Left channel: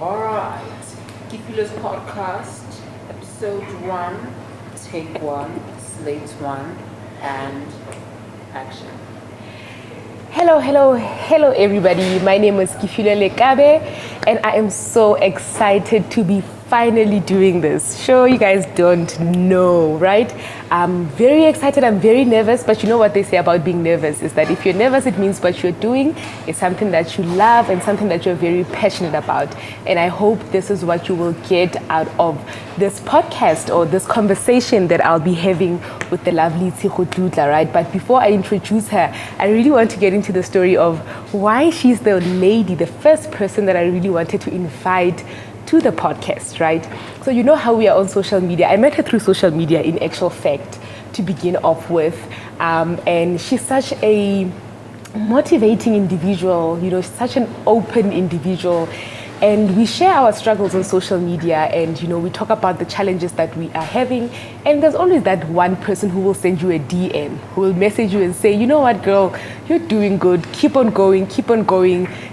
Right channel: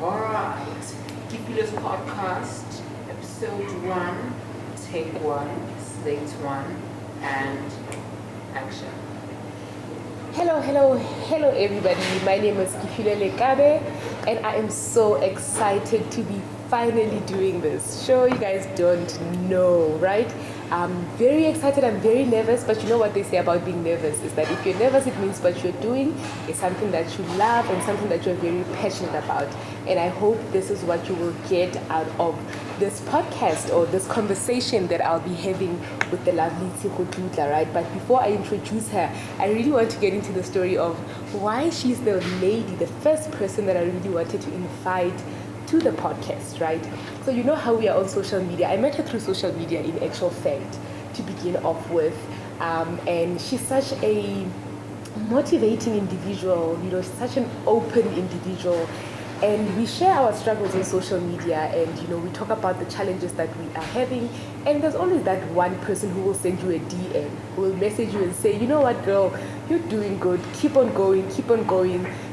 Alright, Kipilo's podcast, episode 1, take 1, slate 1, and action. Hello everybody. My name is Kifile Lekabe and I am so excited to be finally doing this. Sure, you guys don't know, right? I'm very excited, I'm very nervous, but you know what they say about being nervous is that if you're nervous, it means what you're doing is something that you love and something that you're very passionate about. And I hope this is what you will get out of this podcast or this conversation that I'll be having with the lovely Tshego Dludla, right? But before I introduce her, I really want to get into the story of why she's the lady, the first person that I really wanted to invite to the podcast, right? So you know how we are on social media. I met her through social media in actual fact to begin off with. And she's such a motivating individual, you know, such an open individual. And we share our struggles on social media and, you know, we talk about the challenges that we are having. And there's always that one person who will send you a DM, who will message you and say, you know what, girl, you're doing good. Keep on going,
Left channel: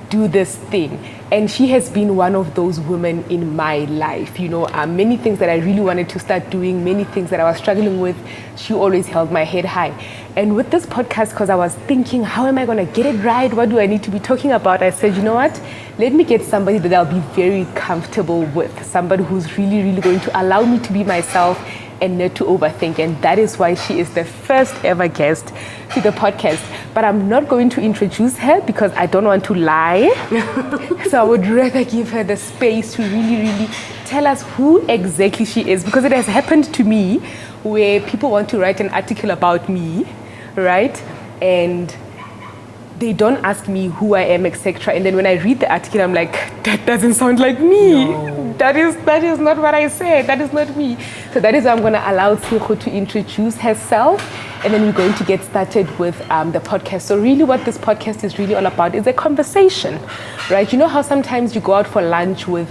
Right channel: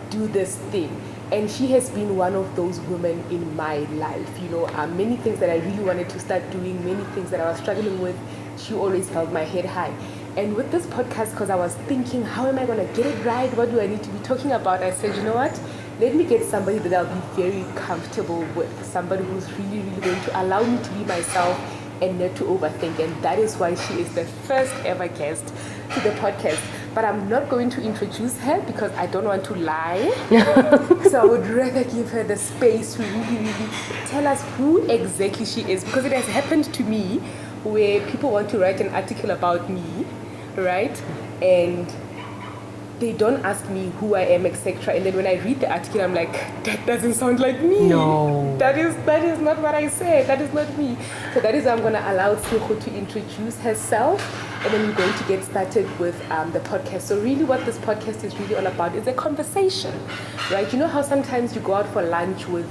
do this thing. And she has been one of those women in my life. You know, many things that I really wanted to start doing, many things that I was struggling with, she always held my head high. And with this podcast, because I was thinking, how am I going to get it right? What do I need to be talking about? I said, you know what? Let me get somebody that I'll be very comfortable with, somebody who's really, really going to allow me to be myself and not to overthink. And that is why she is the first ever guest to the podcast. But I'm not going to introduce her because I don't want to lie. So I would rather give her the space to really, really tell us who exactly she is, because it has happened to me where people want to write an article about me, right? And they don't ask me who I am, etc. And then when I read the article, I'm like, that doesn't sound like me. No. That is not what I said. That is not me. So that is why I'm going to allow Tshego to introduce herself. And then we're going to get started with the podcast. So really what this podcast is really all about is a conversation, right? You know how sometimes you go out for lunch with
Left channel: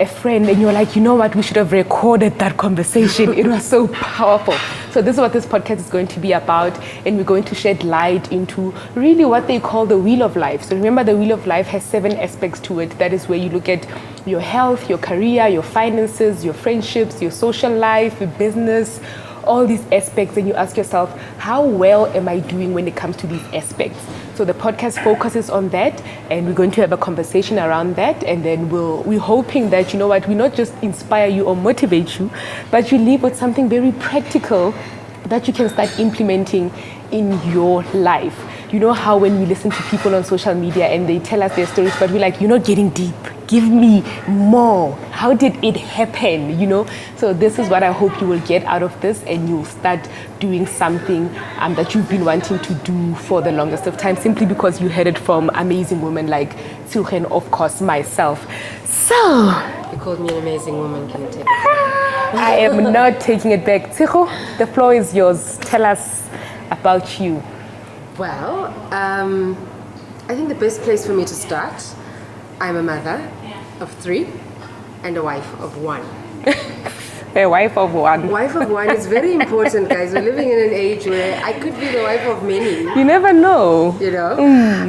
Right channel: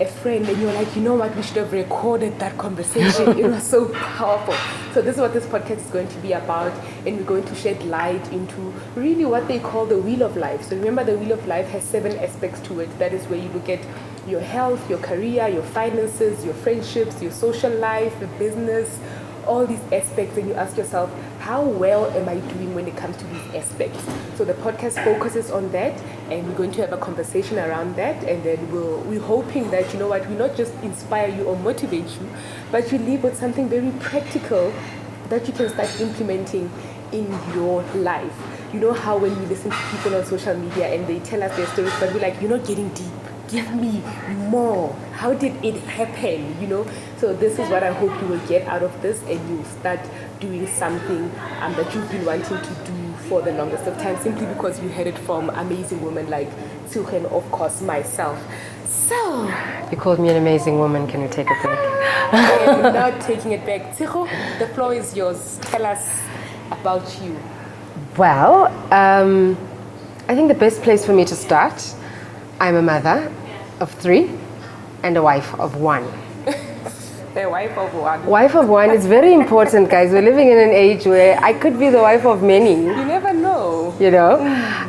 a friend and you're like, you know what, we should have recorded that conversation. It was so powerful. So this is what this podcast is going to be about, and we're going to shed light into really what they call the wheel of life. So remember, the wheel of life has 7 aspects to it. That is where you look at your health, your career, your finances, your friendships, your social life, your business, all these aspects, and you ask yourself, how well am I doing when it comes to these aspects? So the podcast focuses on that, and we're going to have a conversation around that, and then we're hoping that, you know what, we not just inspire you or motivate you, but you leave with something very practical that you can start implementing in your life. You know how when we listen to people on social media and they tell us their stories, but we're like, you're not getting deep. Give me more. How did it happen? You know? So this is what I hope you will get out of this, and you'll start doing something that you've been wanting to do for the longest of time, simply because you heard it from amazing women like Tshego and of course myself. So You called me an amazing woman. Can you take it back? I am not taking it back. Tshego, the floor is yours. Tell us about you. Well, I think the best place for me to start, I'm a mother of 3 and a wife of 1. A wife of 1. Wife of 1 is very important, guys. We're living in an age where I could be the wife of many. You never know. You know,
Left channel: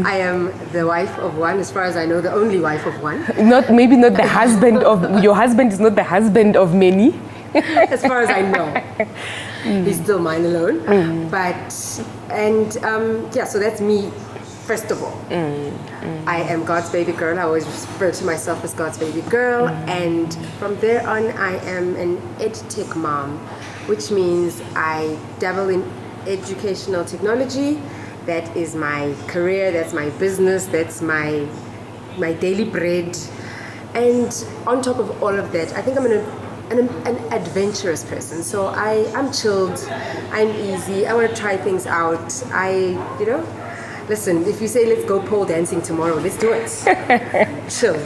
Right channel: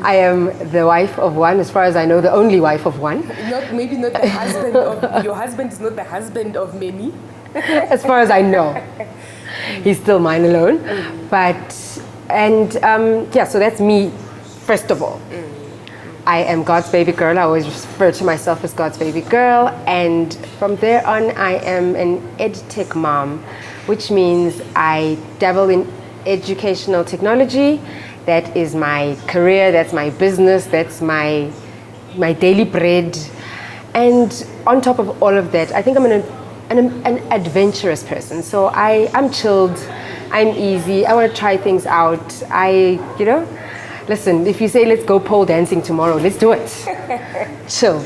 I am the wife of 1, as far as I know, the only wife of 1. Maybe not the husband of, your husband is not the husband of many. As far as I know. He's still mine alone. So that's me, first of all. I am God's baby girl. I always refer to myself as God's baby girl. And from there on, I am an edtech mom, which means I dabble in educational technology. That is my career, that's my business, that's my daily bread. And on top of all of that, I think I'm an adventurous person. So I'm chilled, I'm easy, I want to try things out. Listen, if you say let's go pole dancing tomorrow, let's do it. Chilled.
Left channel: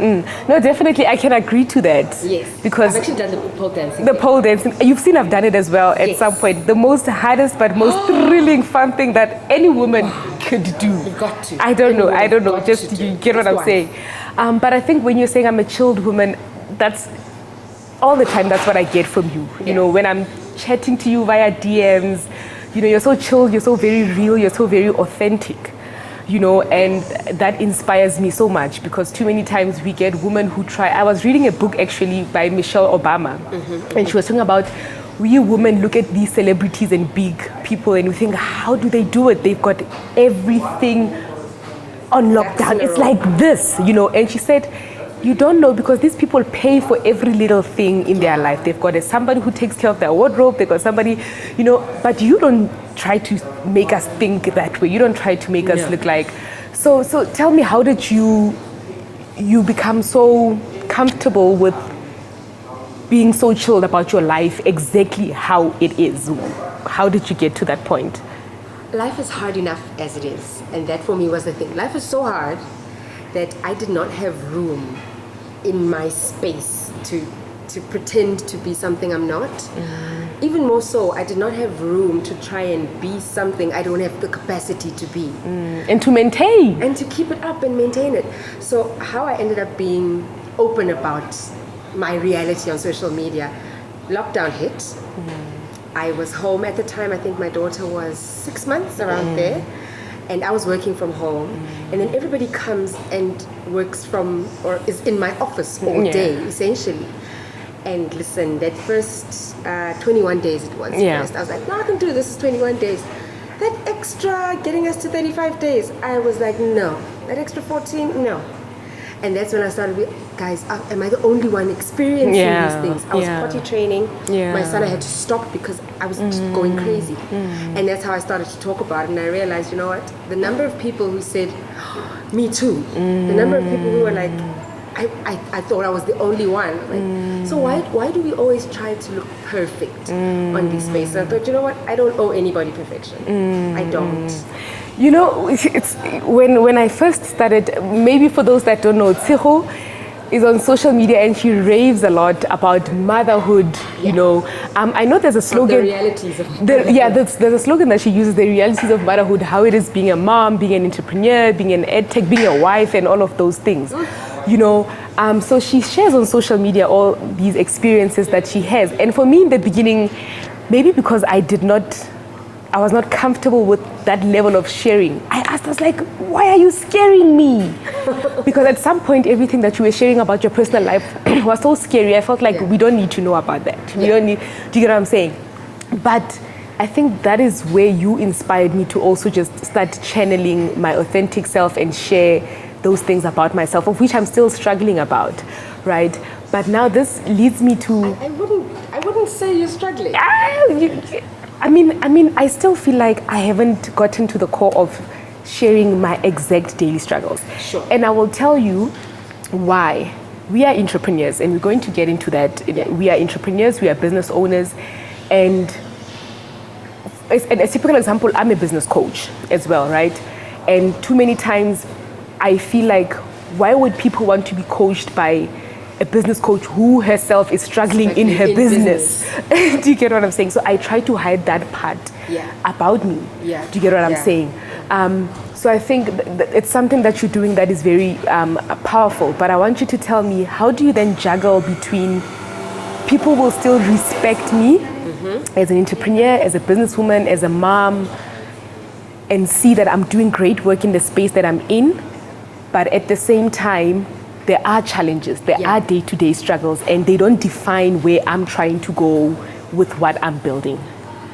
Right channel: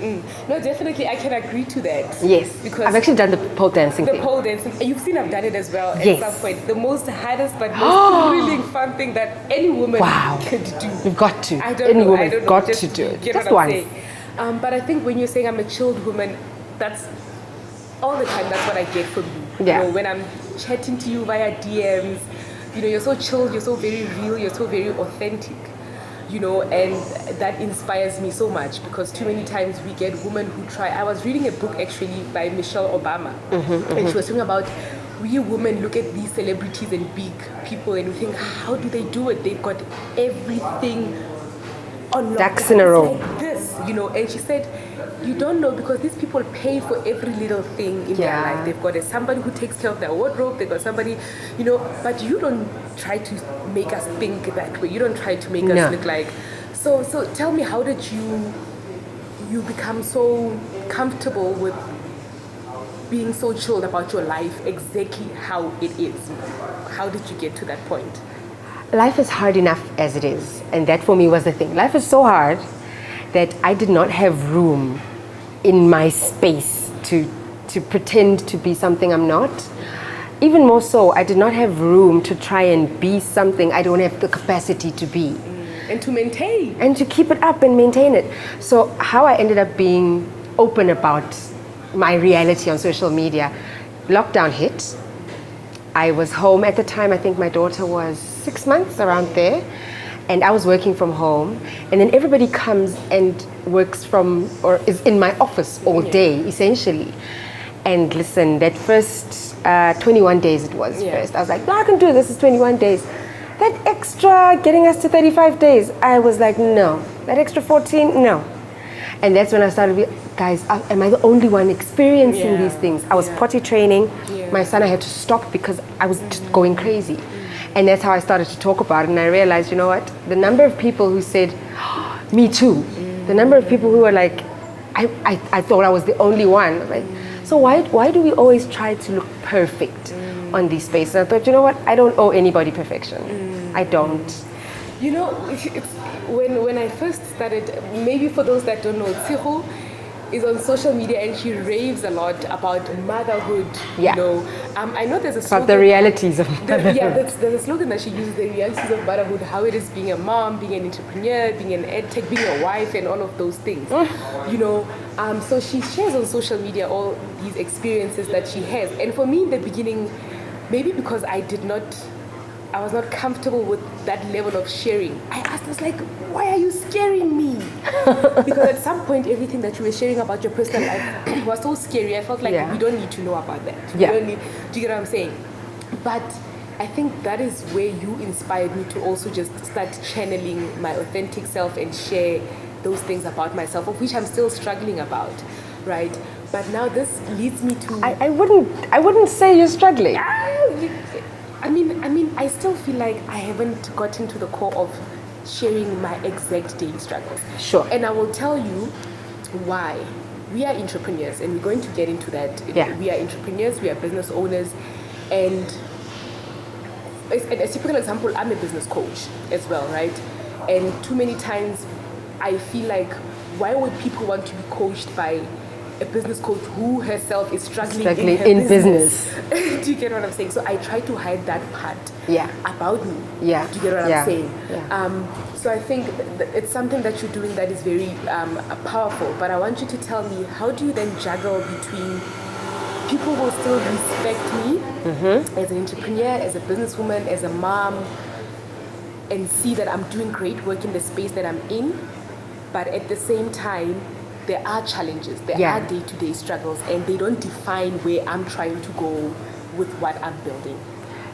No, definitely, I can agree to that. Yes, because I've actually done the pole dancing. The pole dancing, you've seen I've done it as well at some point. The most hardest but most thrilling, fun thing that any woman could do. You've got to. I don't know. Just to do. Get what I'm saying. But I think when you're saying I'm a chilled woman, that's all the time. That's what I get from you. You know, when I'm chatting to you via DMs, you know, you're so chilled, you're so very real, you're so very authentic. and that inspires me so much because too many times we get women who try. I was reading a book actually by Michelle Obama, and she was talking about we women look at these celebrities and big people and we think, how do they do it? They've got everything on lockdown. It's like this, and she said, you don't know because these people pay for every little thing in their life. They've got somebody who takes care of their wardrobe. They've got somebody, but you don't try to make us think that way. You don't try to make us look like. So tell me, how did you become so comfortable with being so chilled about your life, exactly how it is? How did you get to that point? Life is hard enough as it is. And that for me was the thing. Life is so hard that I did not have room in my space to pretend to be something I'm not. Even more so, I did not have room to try and be something I don't have the capacity to be. And to maintain. And to keep it up and maintain it. So how I ended up being open about my reality on social media, lockdown hit. I was home at the time, I think my daughter was 6 months, around there. And I was working from home, and then everybody comes and works from, or is in my office all day, essentially. And listen, that first 21 days it was first. I was like, no, I can do this is 21 days. That extra getting us to 35 days, I was like, no. That extra 14, no. And that's when I started, guys, am I the only one experiencing these things? I was potty training. My son, I had to stop because I was just going crazy. And that's how I started to talk about it. And I realized, you know what? The number of people who said, me too. The number of people who were like, I thought I was the only one. Like, so why do we always try to look perfect on these spaces? But you know what? I don't owe anybody perfection. I don't. It's when I first started, maybe for those that don't know, Tshego is on social media and she raves a lot about motherhood. I know there's a slogan. About the realities of motherhood. There's a slogan that she uses, the realities of motherhood, how it is being a mom, being an entrepreneur, being an ed tech, being a wife, and all of those things. So she shares on social media all these experiences that she has. And for me in the beginning, maybe because I was not comfortable with that level of sharing. I was like, why are you scaring me? Because at some point, everything that you were sharing about your personal life was so scary. I felt like we don't need to know about that. We don't need, do you get what I'm saying? But I think that is where you inspired me to also just start channeling my authentic self and share those things about myself, of which I'm still struggling about, right? But now this leads me to... I wouldn't say you're struggling. I mean, I still feel like I haven't gotten to the core of sharing my exact daily struggles. Sure. And I will tell you why. We are entrepreneurs, and we're going to get into that. We are entrepreneurs, we are business owners, and a typical example, I'm a business coach as well, right? And too many times I feel like, why would people want to be coached by a business coach who herself is struggling in her business? Do you get what I'm saying? So I try to hide that part about me. Do you get what I'm saying? So I think it's something that you're doing that is very powerful. But I want you to tell me, how do you then juggle between people will still respect me as an entrepreneur, as a businesswoman, as a mom, and see that I'm doing great work in the space that I'm in, but at the same time, there are challenges, there are day-to-day struggles, and they don't define where I'm trying to go with what I'm building.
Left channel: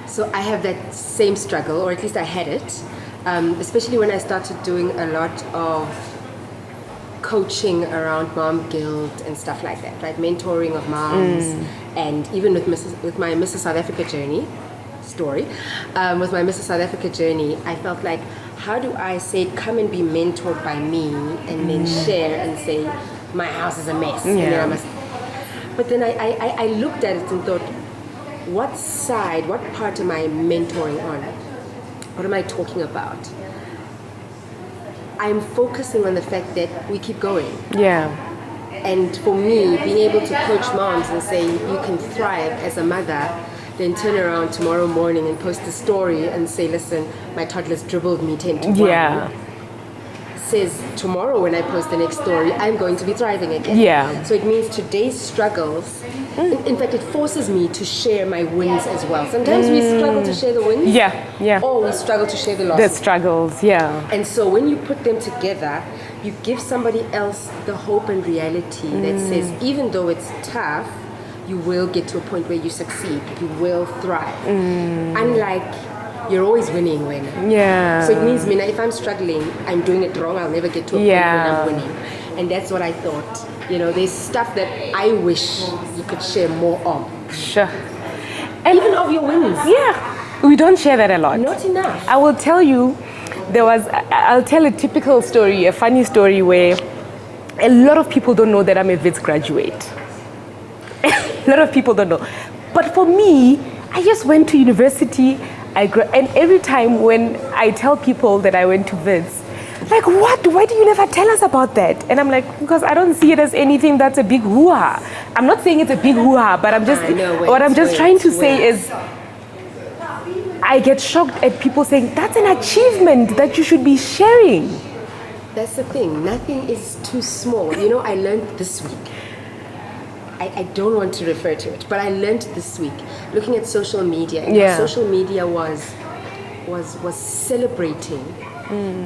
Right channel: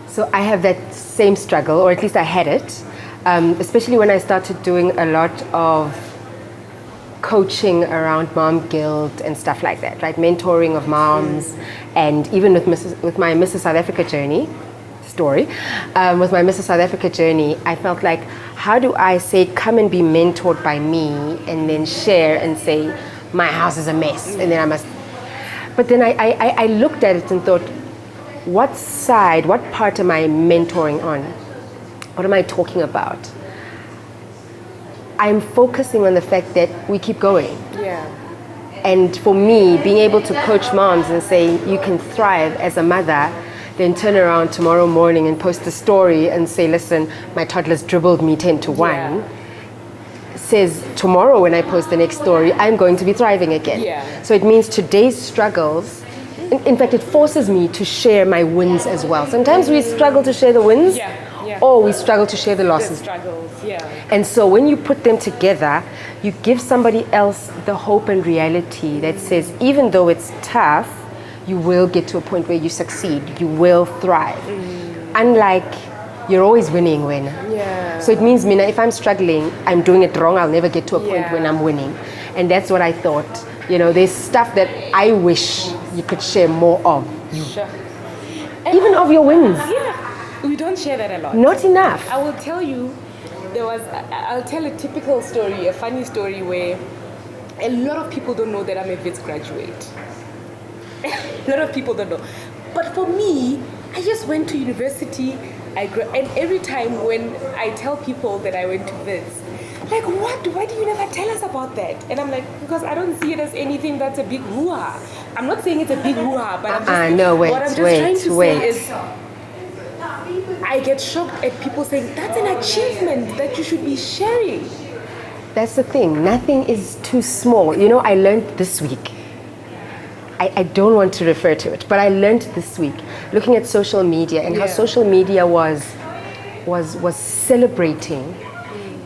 So I have that same struggle, or at least I had it, especially when I started doing a lot of coaching around mom guilt and stuff like that, right? Mentoring of moms, and even with my Mrs. South Africa journey story, with my Mrs. South Africa journey, I felt like, how do I say, come and be mentored by me, and then share and say, my house is a mess, and then I must. But then I looked at it and thought, what side, what part am I mentoring on? What am I talking about? I'm focusing on the fact that we keep going. And for me, being able to coach moms and say, you can thrive as a mother, then turn around tomorrow morning and post a story and say, listen, my toddler's dribbled me 10 to 1. Says tomorrow when I post the next story, I'm going to be thriving again. So it means today's struggles In fact, it forces me to share my wins as well. Sometimes we struggle to share the wins. Yeah. Or we struggle to share the The losses. struggles, yeah. And so when you put them together, you give somebody else the hope and reality that says, even though it's tough, you will get to a point where you succeed. You will thrive. Unlike you're always winning when. Yeah. So it means, Mina, if I'm struggling, I'm doing it wrong, I'll never get to a point when Yeah. I'm winning. And that's what I thought. You know, there's stuff that I wish you could share more of. Sure. And even of your wins. Yeah. We don't share that a lot. Not enough. I will tell you, I'll tell a typical story, a funny story where a lot of people don't know that I'm a Wits graduate. A lot of people don't know. But for me, I just went to university, and every time when I tell people that I went to Wits, like, what? Why do you never tell us about that? And I'm like, because I don't see it as anything that's a big hoo-ha. I'm not saying it's a big hoo-ha, but I'm just, what I'm just trying to say is, I get shocked at people saying, that's an achievement that you should be sharing. That's the thing. Nothing is too small. You know, I learned this week. I don't want to refer to it, but I learned this week looking at social media and how social media was celebrating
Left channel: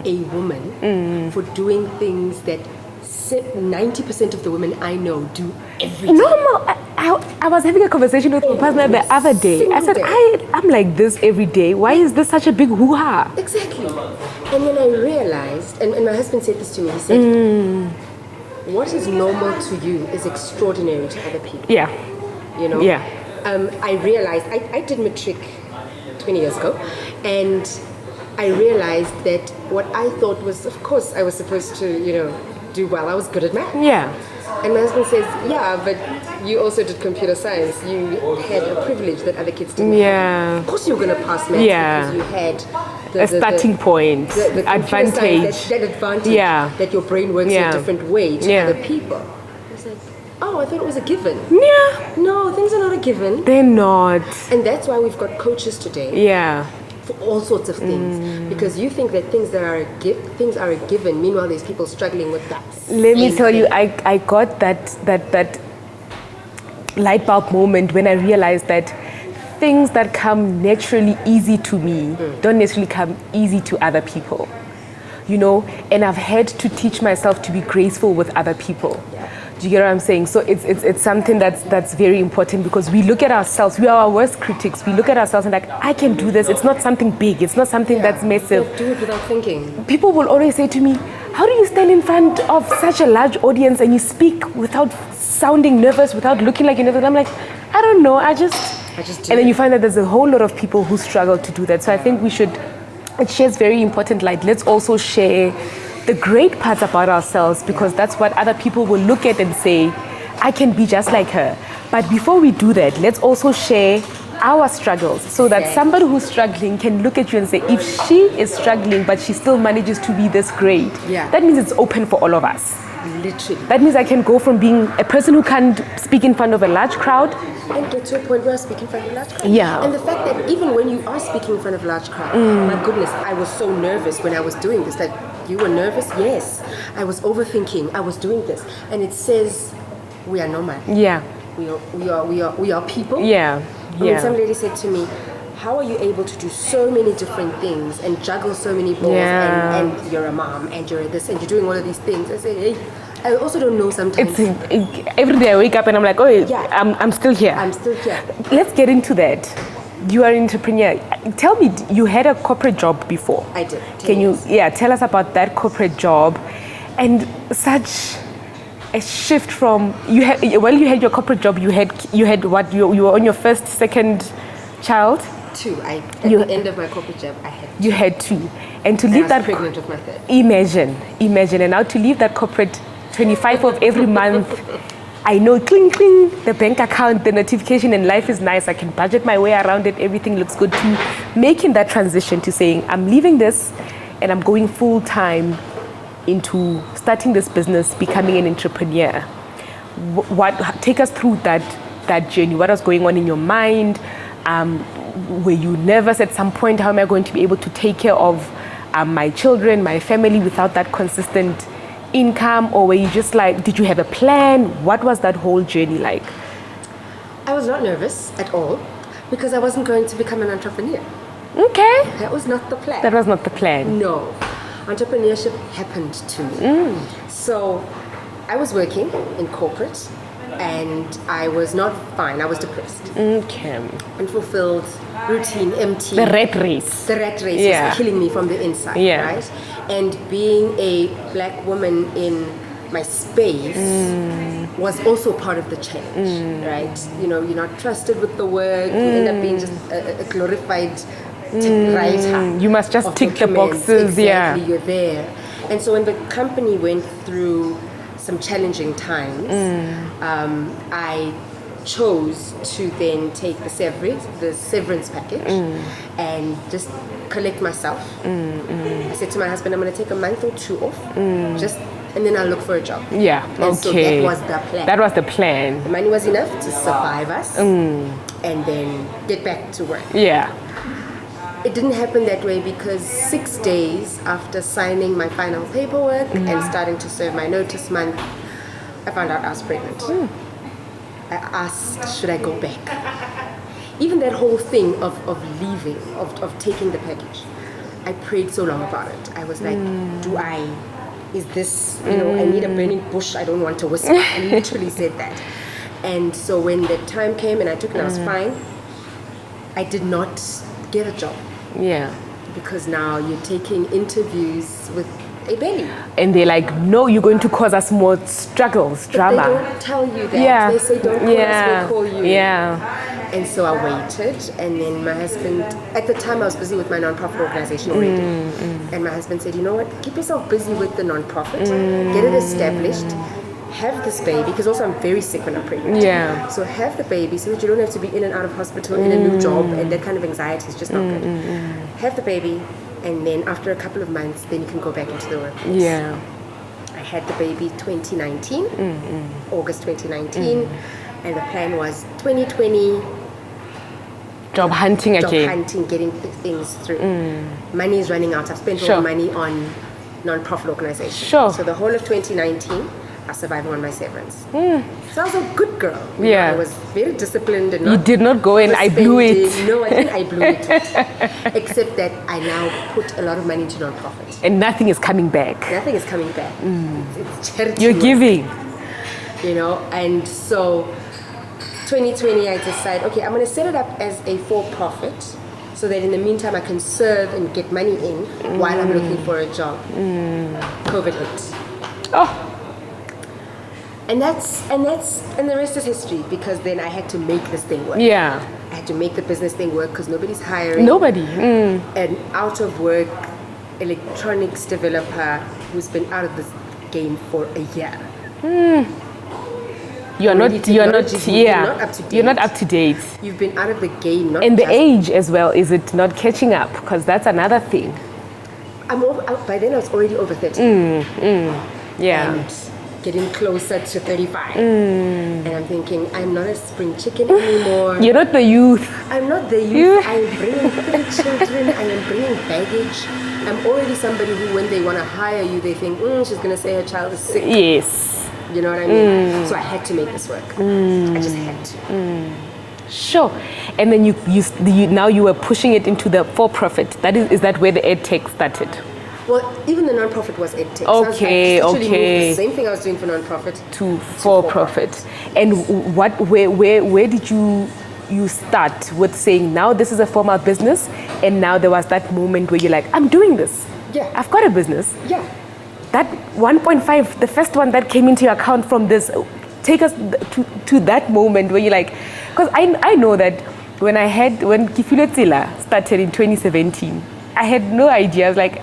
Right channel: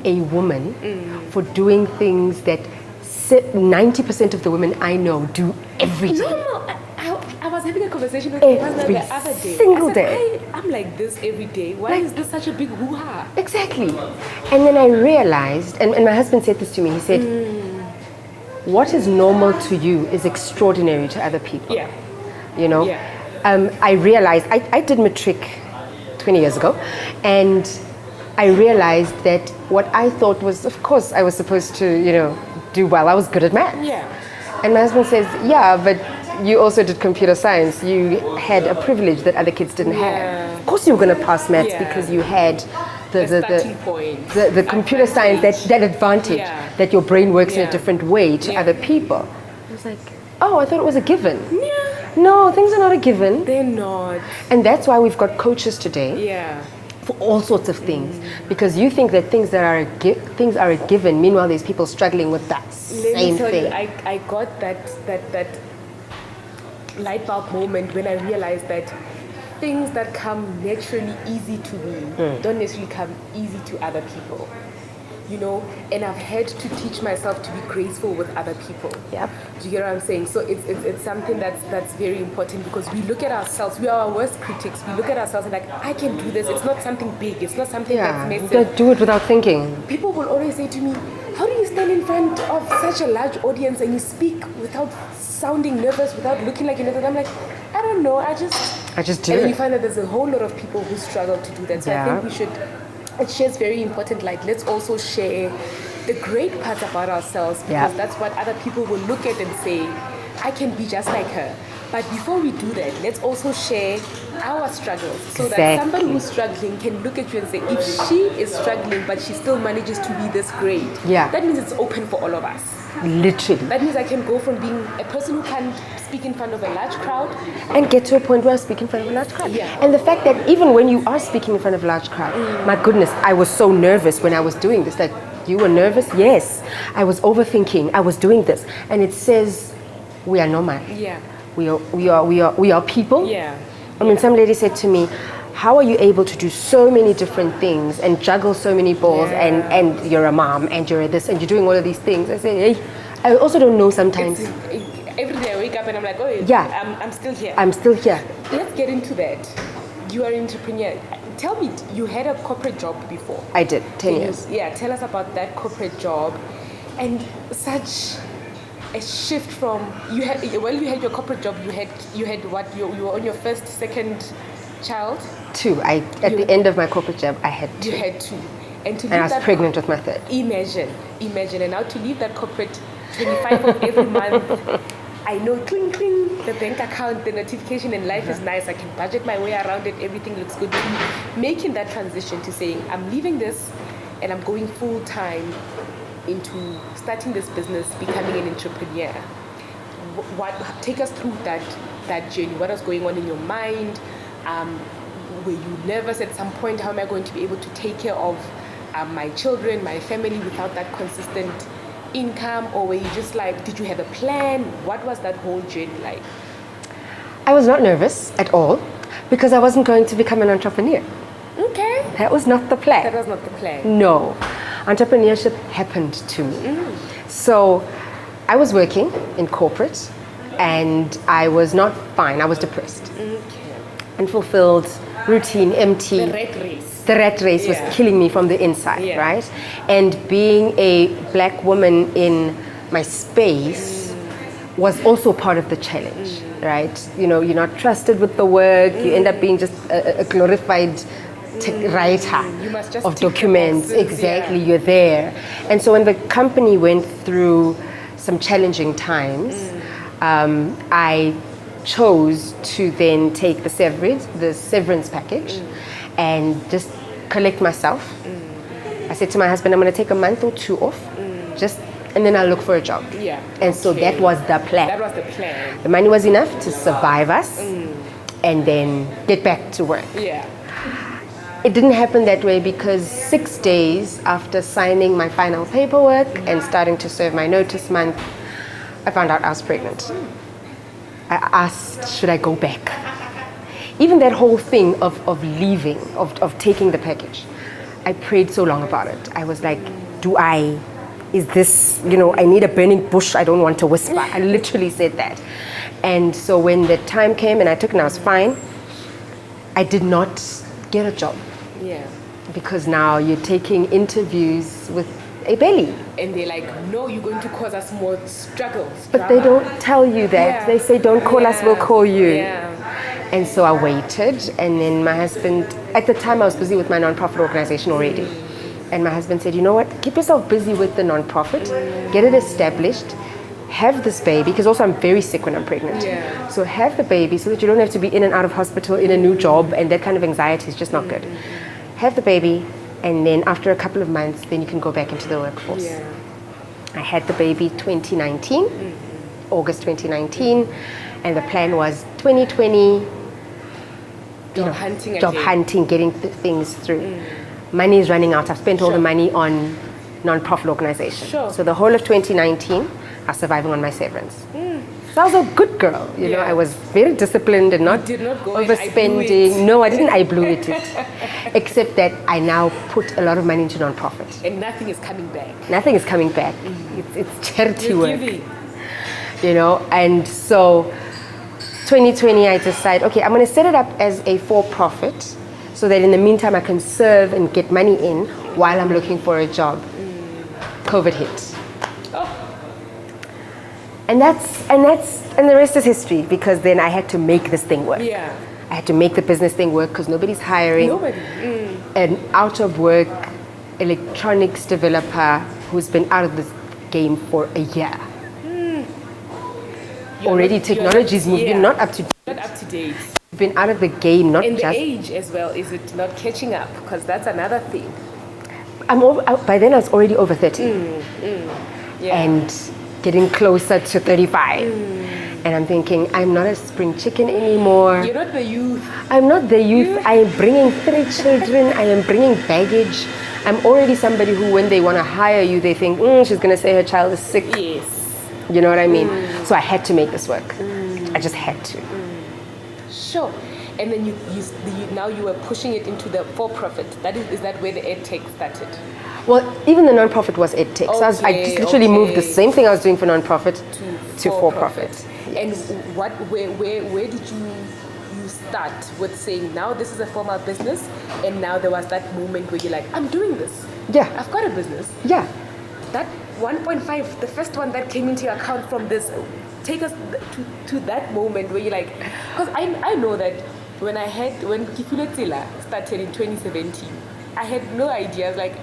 a woman for doing things that 90% of the women I know do every day. Normal. I was having a conversation with my partner the other day. I said, I'm like this every day. Why is this such a big hoo-ha? Exactly. And then I realized, and my husband said this to me, he said, what is normal to you is extraordinary to other people. Yeah. You know? Yeah. I realized, I did matric 20 years ago, and I realized that what I thought was, of course, I was supposed to, you know, do well. I was good at math. Yeah. And my husband says, yeah, but you also did computer science. You had a privilege that other kids didn't have. Of course you were going to pass maths because you had the starting point. The computer science, that advantage that your brain works in a different way to other people. It's like, oh, I thought it was a given. Yeah. No, things are not a given. They're not. And that's why we've got coaches today. Yeah. For all sorts of things, because you think that things are a given. Meanwhile, there's people struggling with that. Let me tell you, I got that light bulb moment when I realized that things that come naturally easy to me don't necessarily come easy to other people. You know, and I've had to teach myself to be graceful with other people. Yep. Do you get what I'm saying? So it's something that's very important, because we look at ourselves, we are our worst critics. We look at ourselves and like, I can do this. It's not something big. It's not something that's massive. But do it without thinking. People will always say to me, how do you stand in front of such a large audience and you speak without sounding nervous, without looking like you're nervous? And I'm like, I don't know. I just do. And then you find that there's a whole lot of people who struggle to do that. So I think we should. It shares very important light. Let's also share the great parts about ourselves, because that's what other people will look at and say, I can be just like her. But before we do that, let's also share our struggles, so that somebody who's struggling can look at you and say, if she is struggling but she still manages to be this great, that means it's open for all of us. Literally. That means I can go from being a person who can't speak in front of a large crowd and get to a point where I speak in front of a large crowd. Yeah. And the fact that even when you are speaking in front of a large crowd, my goodness, I was so nervous when I was doing this. Like, you were nervous? Yes. I was overthinking. I was doing this. And it says, we are normal. Yeah. We are people. Yeah. I mean, some lady said to me, how are you able to do so many different things and juggle so many balls and you're a mom and you're this and you're doing all of these things? I say, hey, I also don't know sometimes. Every day I wake up and I'm like, oh yeah, I'm still here. I'm still here. Let's get into that. You are an entrepreneur. Tell me, you had a corporate job before. I did. Can you tell us about that corporate job and such a shift from you had your corporate job, you had what, you were on your first, second child? Two. At the end of my corporate job, I had two. You had two. And to leave I was pregnant with my third. Imagine. And now to leave that corporate 25 of every month, I know, cling, cling, the bank account, the notification, and life is nice. I can budget my way around it. Everything looks good. To making that transition to saying, I'm leaving this and I'm going full time into starting this business, becoming an entrepreneur. Take us through that journey. What was going on in your mind? Were you nervous at some point? How am I going to be able to take care of my children, my family without that consistent income? Or were you just like, did you have a plan? What was that whole journey like? I was not nervous at all because I wasn't going to become an entrepreneur. Okay. That was not the plan. That was not the plan. No. Entrepreneurship happened to me. So I was working in corporate and I was not fine. I was depressed. Okay. Unfulfilled, routine, empty. The rat race. The rat race Yeah. was killing me from the inside, Yeah. right? And being a black woman in my space was also part of the challenge, right? You know, you're not trusted with the work. You end up being just a glorified writer. You must just of tick the documents. boxes, Exactly, yeah. you're there. And so when the company went through some challenging times, I chose to then take the severance package and just collect myself. I said to my husband, I'm going to take a month or 2 off, and then I'll look for a job. Yeah. And so that was the plan. That was the plan. The money was enough to survive us and then get back to work. Yeah. It didn't happen that way because 6 days after signing my final paperwork and starting to serve my notice month, I found out I was pregnant. I asked, should I go back? Even that whole thing of leaving, of taking the package, I prayed so long about it. I was like, is this, I need a burning bush, I don't want to whisper. I literally said that. And so when the time came and I took it and I was fine, I did not get a job. Yeah. Because now you're taking interviews with a belly. And they're like, no, you're going to cause us more struggles, But drama. they don't tell you that. Yeah. They say, don't call us, we'll call you. Yeah. And so I waited, and then my husband, at the time I was busy with my nonprofit organization already. And my husband said, you know what, keep yourself busy with the nonprofit, get it established, have this baby, because also I'm very sick when I'm pregnant. Yeah. So have the baby so that you don't have to be in and out of hospital, in a new job, and that kind of anxiety is just not good. Have the baby, and then after a couple of months, then you can go back into the workforce. Yeah. I had the baby 2019, August 2019, and the plan was 2020, Job hunting job again. hunting, getting things through. Money is running out. I've spent all Sure. the money on non-profit organizations. Sure. So the whole of 2019, I was surviving on my severance. So I was a good girl. You know, Yeah. I was very disciplined and You not did not go and I blew it. overspending. No, I didn't. I blew it. Except that I now put a lot of money into non-profit. And nothing is coming back. Nothing is coming back. It's charity You're work. giving. And so 2020 I decide, okay, I'm going to set it up as a for-profit so that in the meantime I can serve and get money in while I'm looking for a job. COVID hit. Oh, And the rest is history, because then I had to make this thing work. yeah. I had to make the business thing work because nobody's hiring. Nobody. An out of work electronics developer who's been out of this game for a year. Already technology's moving, not up to date. You're not up to date. You've been out of the game, not And the just... age as well, is it not catching up? Because that's another thing. By then I was already over 30 Yeah. and getting closer to 35. And I'm thinking, I'm not a spring chicken anymore. You're not the youth. I'm not the youth. I am bringing 3 children. I am bringing baggage. I'm already somebody who, when they want to hire you, they think, she's going to say her child is sick. Yes. You know what I mean? So I had to make this work. I just had to. Sure. And then now you were pushing it into the for-profit. Is that where the EdTech started? Well, even the non-profit was EdTech. So I literally moved the same thing I was doing for non-profit to for-profit. And where did you start with saying, now this is a formal business, and now there was that moment where you're like, I'm doing this. Yeah. I've got a business. Yeah. That 1.5, the first one that came into your account from this, take us to that moment where you're like, because I know that when Tshego Dludla started in 2017, I had no idea. I was like,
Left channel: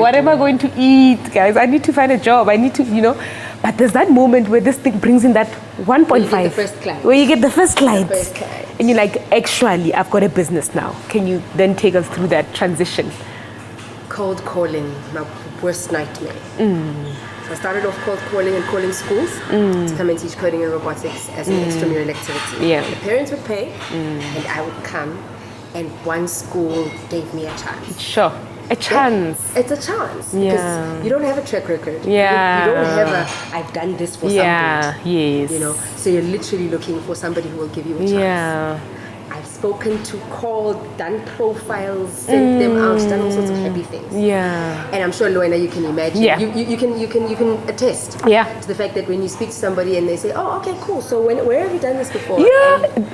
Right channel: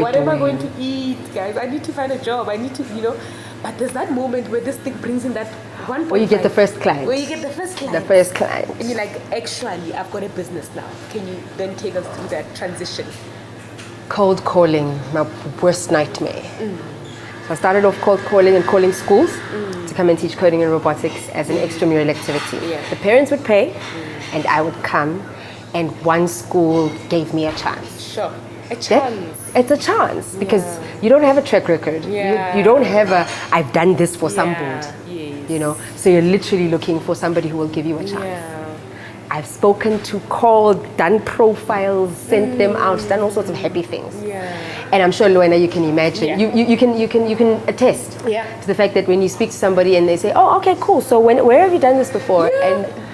what am I going to eat, guys? I need to find a job. I need to, But there's that moment where this thing brings in that 1.5. Where you get the first client. Where you get the first client. The first client. And you're like, actually, I've got a business now. Can you then take us through that transition? Cold calling, my worst nightmare. So I started off cold calling and calling schools to come and teach coding and robotics as an extramural activity. Yeah. The parents would pay and I would come, and one school gave me a chance. Sure. A chance. It's a chance because Yeah. you don't have a track record. Yeah. You don't have a, I've done this for Yeah, something. yes. You know, so you're literally looking for somebody who will give you a chance. Yeah. I've spoken to, called, done profiles, sent them out, done all sorts of happy things. Yeah. And I'm sure, Luena, you can imagine. Yeah. You can attest Yeah. to the fact that when you speak to somebody and they say, "Oh, okay, cool. So where have you done this before?" Yeah. And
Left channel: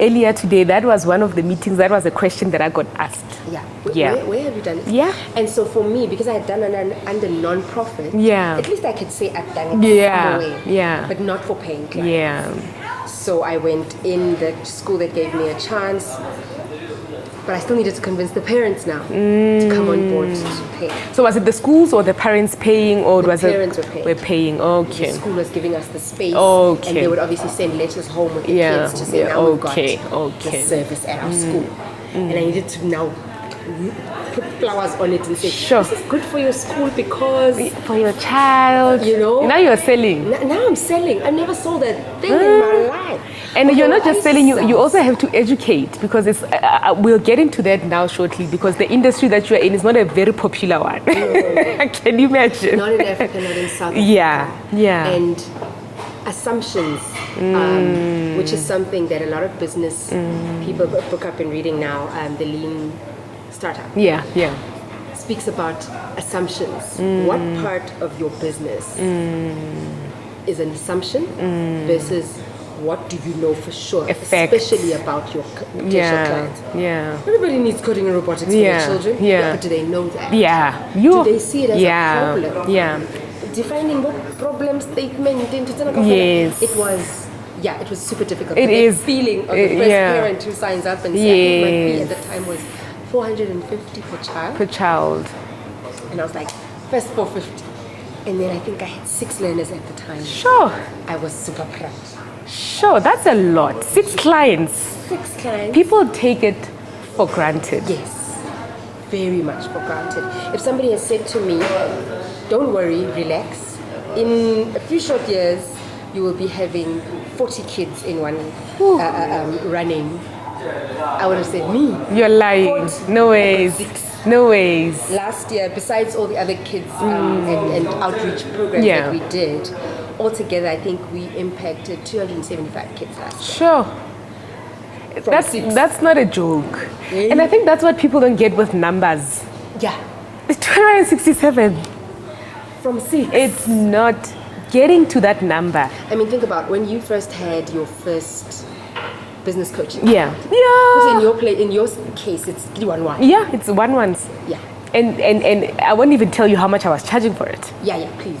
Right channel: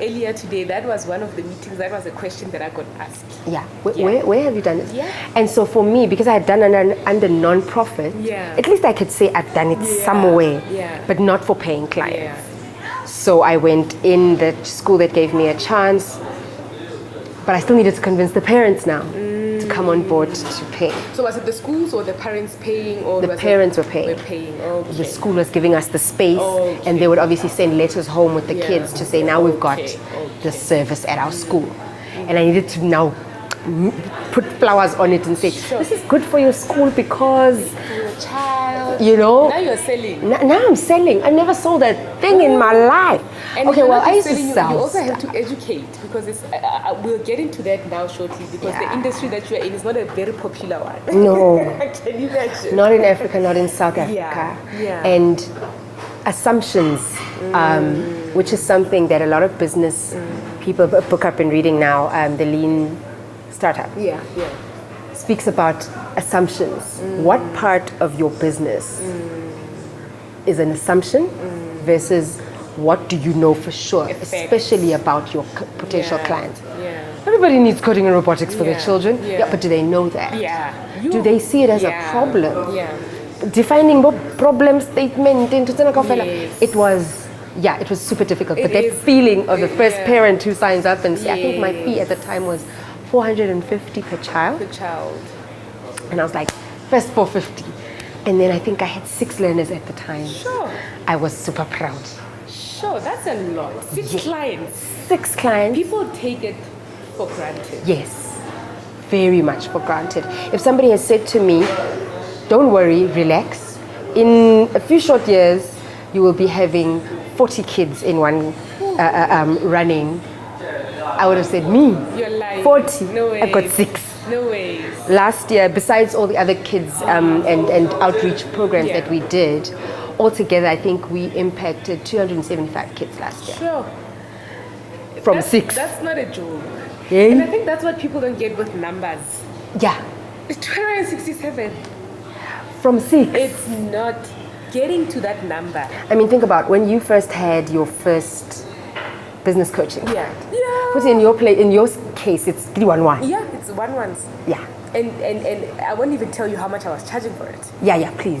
Earlier today, that was one of the meetings. That was a question that I got asked. yeah, Yeah. Where have you done it? Yeah. And so for me, because I had done it under non-profit, Yeah. at least I could say I've done it Yeah. some way. Yeah. But not for paying clients. Yeah. So I went in the school that gave me a chance, but I still needed to convince the parents now to come on board to pay. So was it the schools or the parents paying, or The was parents it were paying. Were paying. The Okay. school was giving us the space, Okay. and they would obviously send letters home with the Yeah. kids to say, Yeah. now we've got Okay. the Okay. service at our school. And I needed to now put flowers on it and say, Sure. this is good for your school because, For your child, you know, Now you're selling. now I'm selling. I never sold that thing in my life. And Okay, you're well, not I just used to selling, you sell also have stuff. to educate, because it's. We'll get into that now shortly, because the industry that you're in is not a very popular one. No. Can you imagine? Not in Africa, not in South Africa. Yeah, yeah. And assumptions, which is something that a lot of business people book up in reading now, the lean startup Yeah, yeah. speaks about assumptions. What part of your business is an assumption versus what do you know for sure, Effect. especially about your potential Yeah, clients. yeah. Everybody needs coding and robotics for their Yeah, children, yeah. but do they know that? Yeah. Do they see it as Yeah, a problem? Yeah. Defining what problem statement into Yes. it was super difficult. It But that is. feeling of the first Yeah. parent who signs up and say, I think my fee Yes. at the time was 450 per child. Per child. And I was like, first 450. And then I think I had 6 learners at the time. Sure. I was super proud. Sure. That's a lot. 6 clients. 6 clients. People take it for granted. Yes, very much for granted. If somebody has said to me, don't worry, relax. In a few short years, you will be having 40 kids in one running. I would have said, me? You're lying. 40. No I got ways. 6. No ways. Last year, besides all the other kids and outreach programs Yeah. that we did, altogether, I think we impacted 275 kids last year. Sure. From that's, 6. That's not a joke. Yeah. And I think that's what people don't get with numbers. Yeah, It's 267. from 6. It's not getting to that number. I mean, think about when you first had your first business coaching. Yeah. Because Yeah. in your case, it's 311. Yeah, it's one ones. Yeah. And I won't even tell you how much I was charging for it. Yeah, please.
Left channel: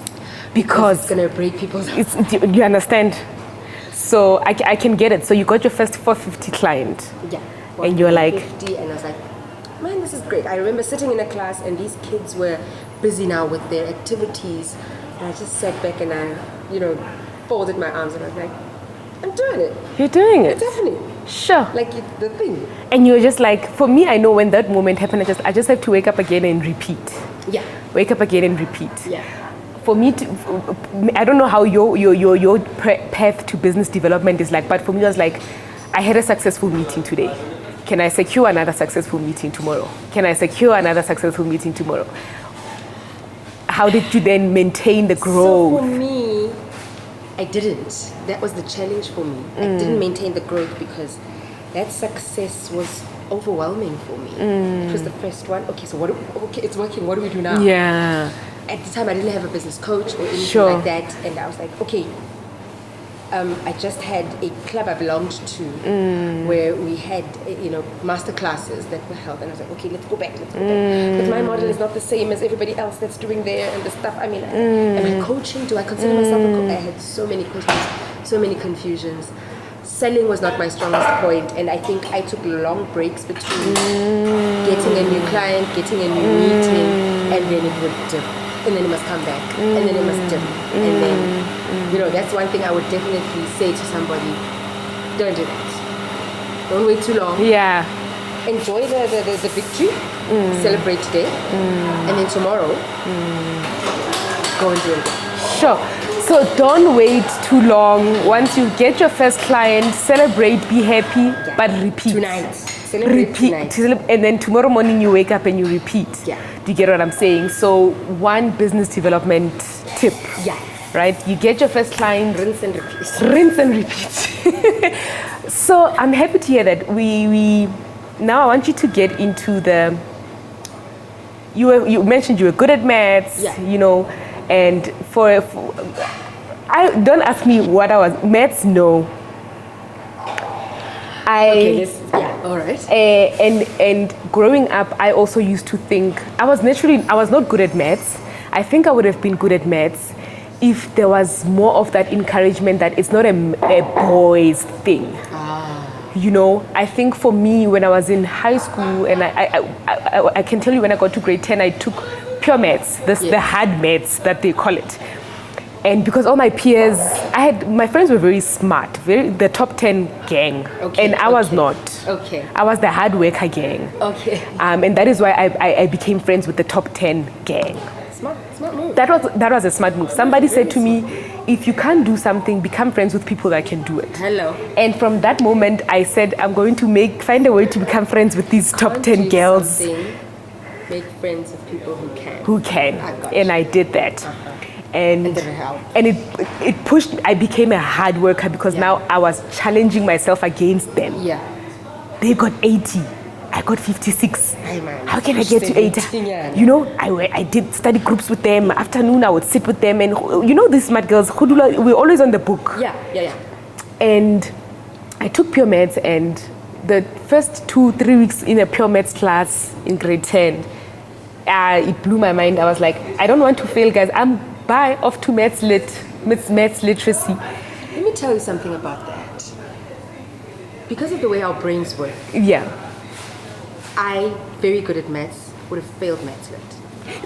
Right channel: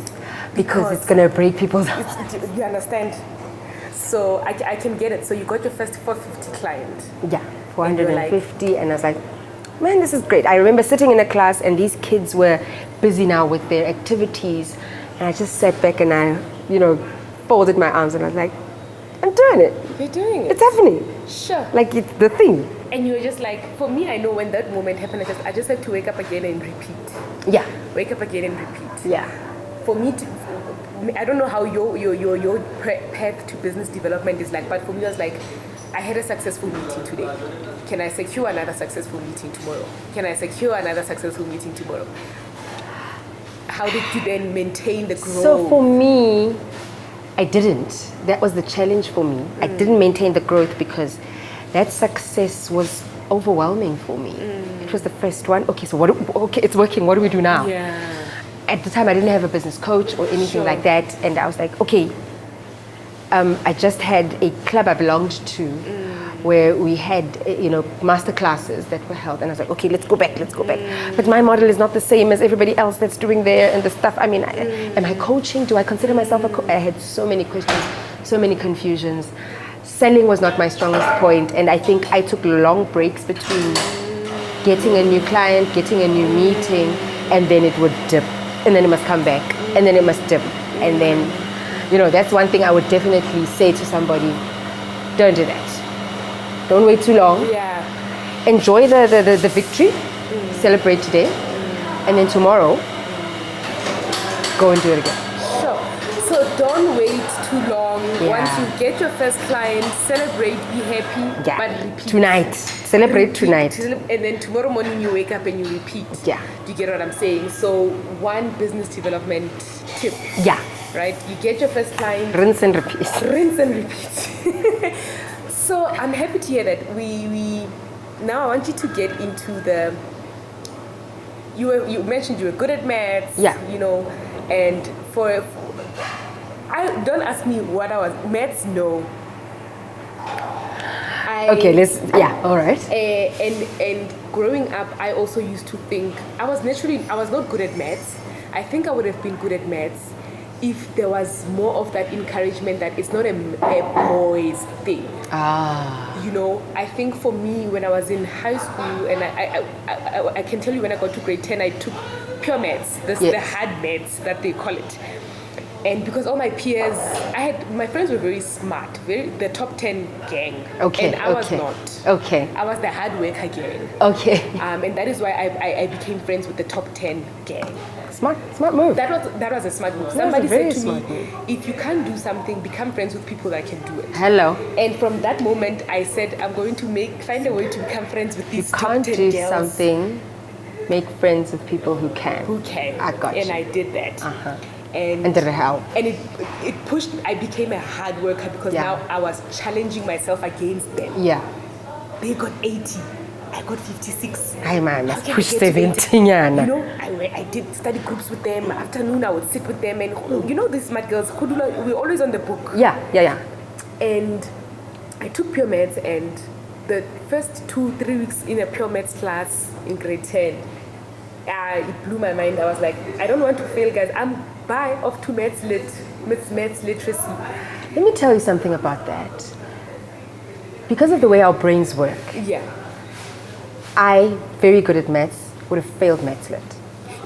Because It's gonna break people's. you understand? So I can get it. So you got your first 450 client. Yeah. And you're like- 450, and I was like, man, this is great. I remember sitting in a class, and these kids were busy now with their activities, and I just sat back and I, folded my arms, and I was like, I'm doing it. You're doing it. It's happening. Sure. Like it's the thing. And you're just like, for me, I know when that moment happened, I just have to wake up again and repeat. Yeah. Wake up again and repeat. Yeah. For me, I don't know how your path to business development is like, but for me, it was like, I had a successful meeting today. Can I secure another successful meeting tomorrow? Can I secure another successful meeting tomorrow? How did you then maintain the growth? So for me, I didn't. That was the challenge for me. I didn't maintain the growth because that success was overwhelming for me. It was the first one. Okay, so okay, it's working. What do we do now? Yeah. At the time, I didn't have a business coach or anything Sure. like that, and I was like, okay. I just had a club I belonged to where we had, master classes that were held, and I was like, okay, let's go back. But my model is not the same as everybody else that's doing there and the stuff. I mean, am I coaching? Do I consider myself a coach? I had so many questions, so many confusions. Selling was not my strongest point, and I think I took long breaks between getting a new client, getting a new meeting, and then it would dip, and then it must come back, and then it must dip, and then, that's one thing I would definitely say to somebody: don't do that. Don't wait too long. Yeah. Enjoy the victory, celebrate today, and then tomorrow, go and do it again. Sure. So don't wait too long. Once you get your first client, celebrate, be happy, Yeah. but repeat. Tonight, Celebrate tonight. And then tomorrow morning you wake up and you repeat. Yeah. Do you get what I'm saying? So one business development tip. Yeah. Right? You get your first client. Rinse and repeat. Rinse and repeat. So I'm happy to hear that we now I want you to get into the, you mentioned you were good at maths, Yeah. you know, and I don't ask me what I was, maths, no. All right. And growing up, I also used to think, I was not good at maths. I think I would have been good at maths if there was more of that encouragement that it's not a boys thing. You know, I think for me, when I was in high school, and I can tell you when I got to grade 10, I took pure maths, the hard maths that they call it. And because all my peers, my friends were very smart, the top 10 gang. Okay. And I was not. Okay. I was the hard worker gang. Okay. And that is why I became friends with the top 10 gang. Smart move. That was a smart move. Somebody said to me, if you can't do something, become friends with people that can do it. Hello. And from that moment, I said, I'm going to find a way to become friends with these top 10 girls. Make friends with people who can. Who can. I got you. And I did that. Uh-huh. And did it help? And it pushed, I became a hard worker because now I was challenging myself against them. Yeah. They got 80. I got 56. Hey man, how can I get to 80? Yeah, you know, I did study groups with them. Afternoon, I would sit with them. And you know, these smart girls, we're always on the book. Yeah. And I took pure maths, and the first 2-3 weeks in a pure maths class in grade 10, it blew my mind. I was like, I don't want to fail, guys. I'm off to maths literacy. Let me tell you something about that. Because of the way our brains work. Yeah. I, very good at maths, would have failed maths lit.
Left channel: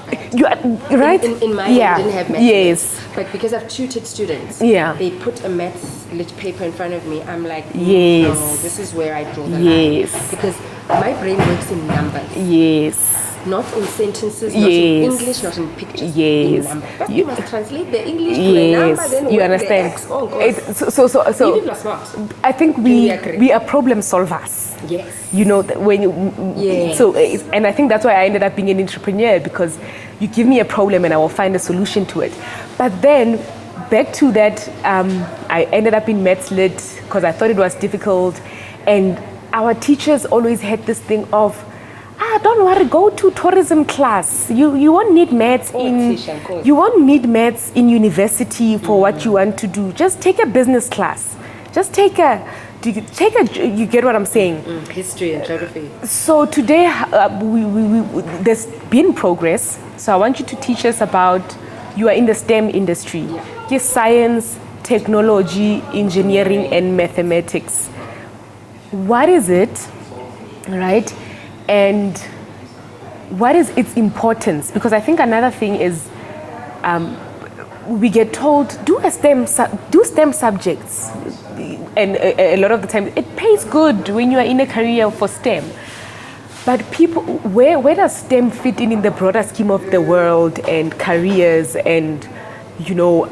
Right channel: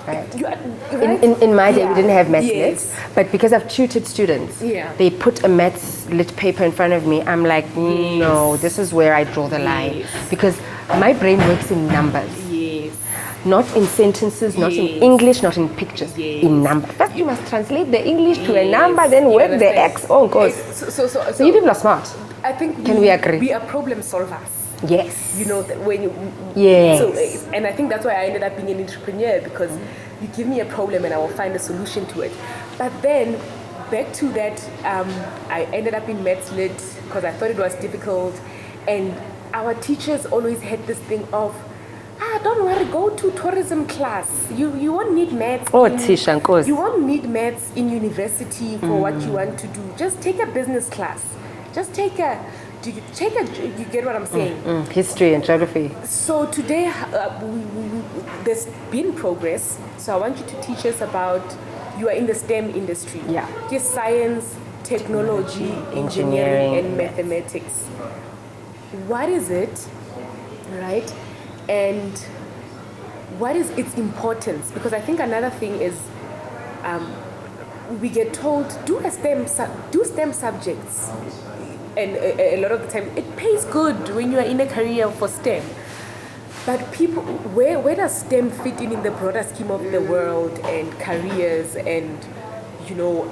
Right? You are, right? In my day, I didn't have maths yes. lit. But because I've tutored students, they put a maths lit paper in front of me. I'm like, no, this is where I draw the line. Because my brain works in numbers. Yes. Not in sentences, not in English, not in pictures. In numbers. But you must translate the English to a number, then work the X. Oh, God. So you people are smart. I think we are problem solvers. Yes. You know, when you... So, and I think that's why I ended up being an entrepreneur, because you give me a problem and I will find a solution to it. But then, back to that, I ended up in maths lit because I thought it was difficult. And our teachers always had this thing of, don't worry, go to tourism class. You won't need maths. You won't need maths in university for what you want to do. Just take a business class. Just take a, you get what I'm saying? History and geography. So today, there's been progress. So I want you to teach us about, you are in the STEM industry. Yes, science, technology, engineering, and mathematics. What is it, right? And what is its importance? Because I think another thing is, we get told, do STEM subjects. And a lot of the time, it pays good when you are in a career for STEM. But people, where does STEM fit in the broader scheme of the world and careers and, you know,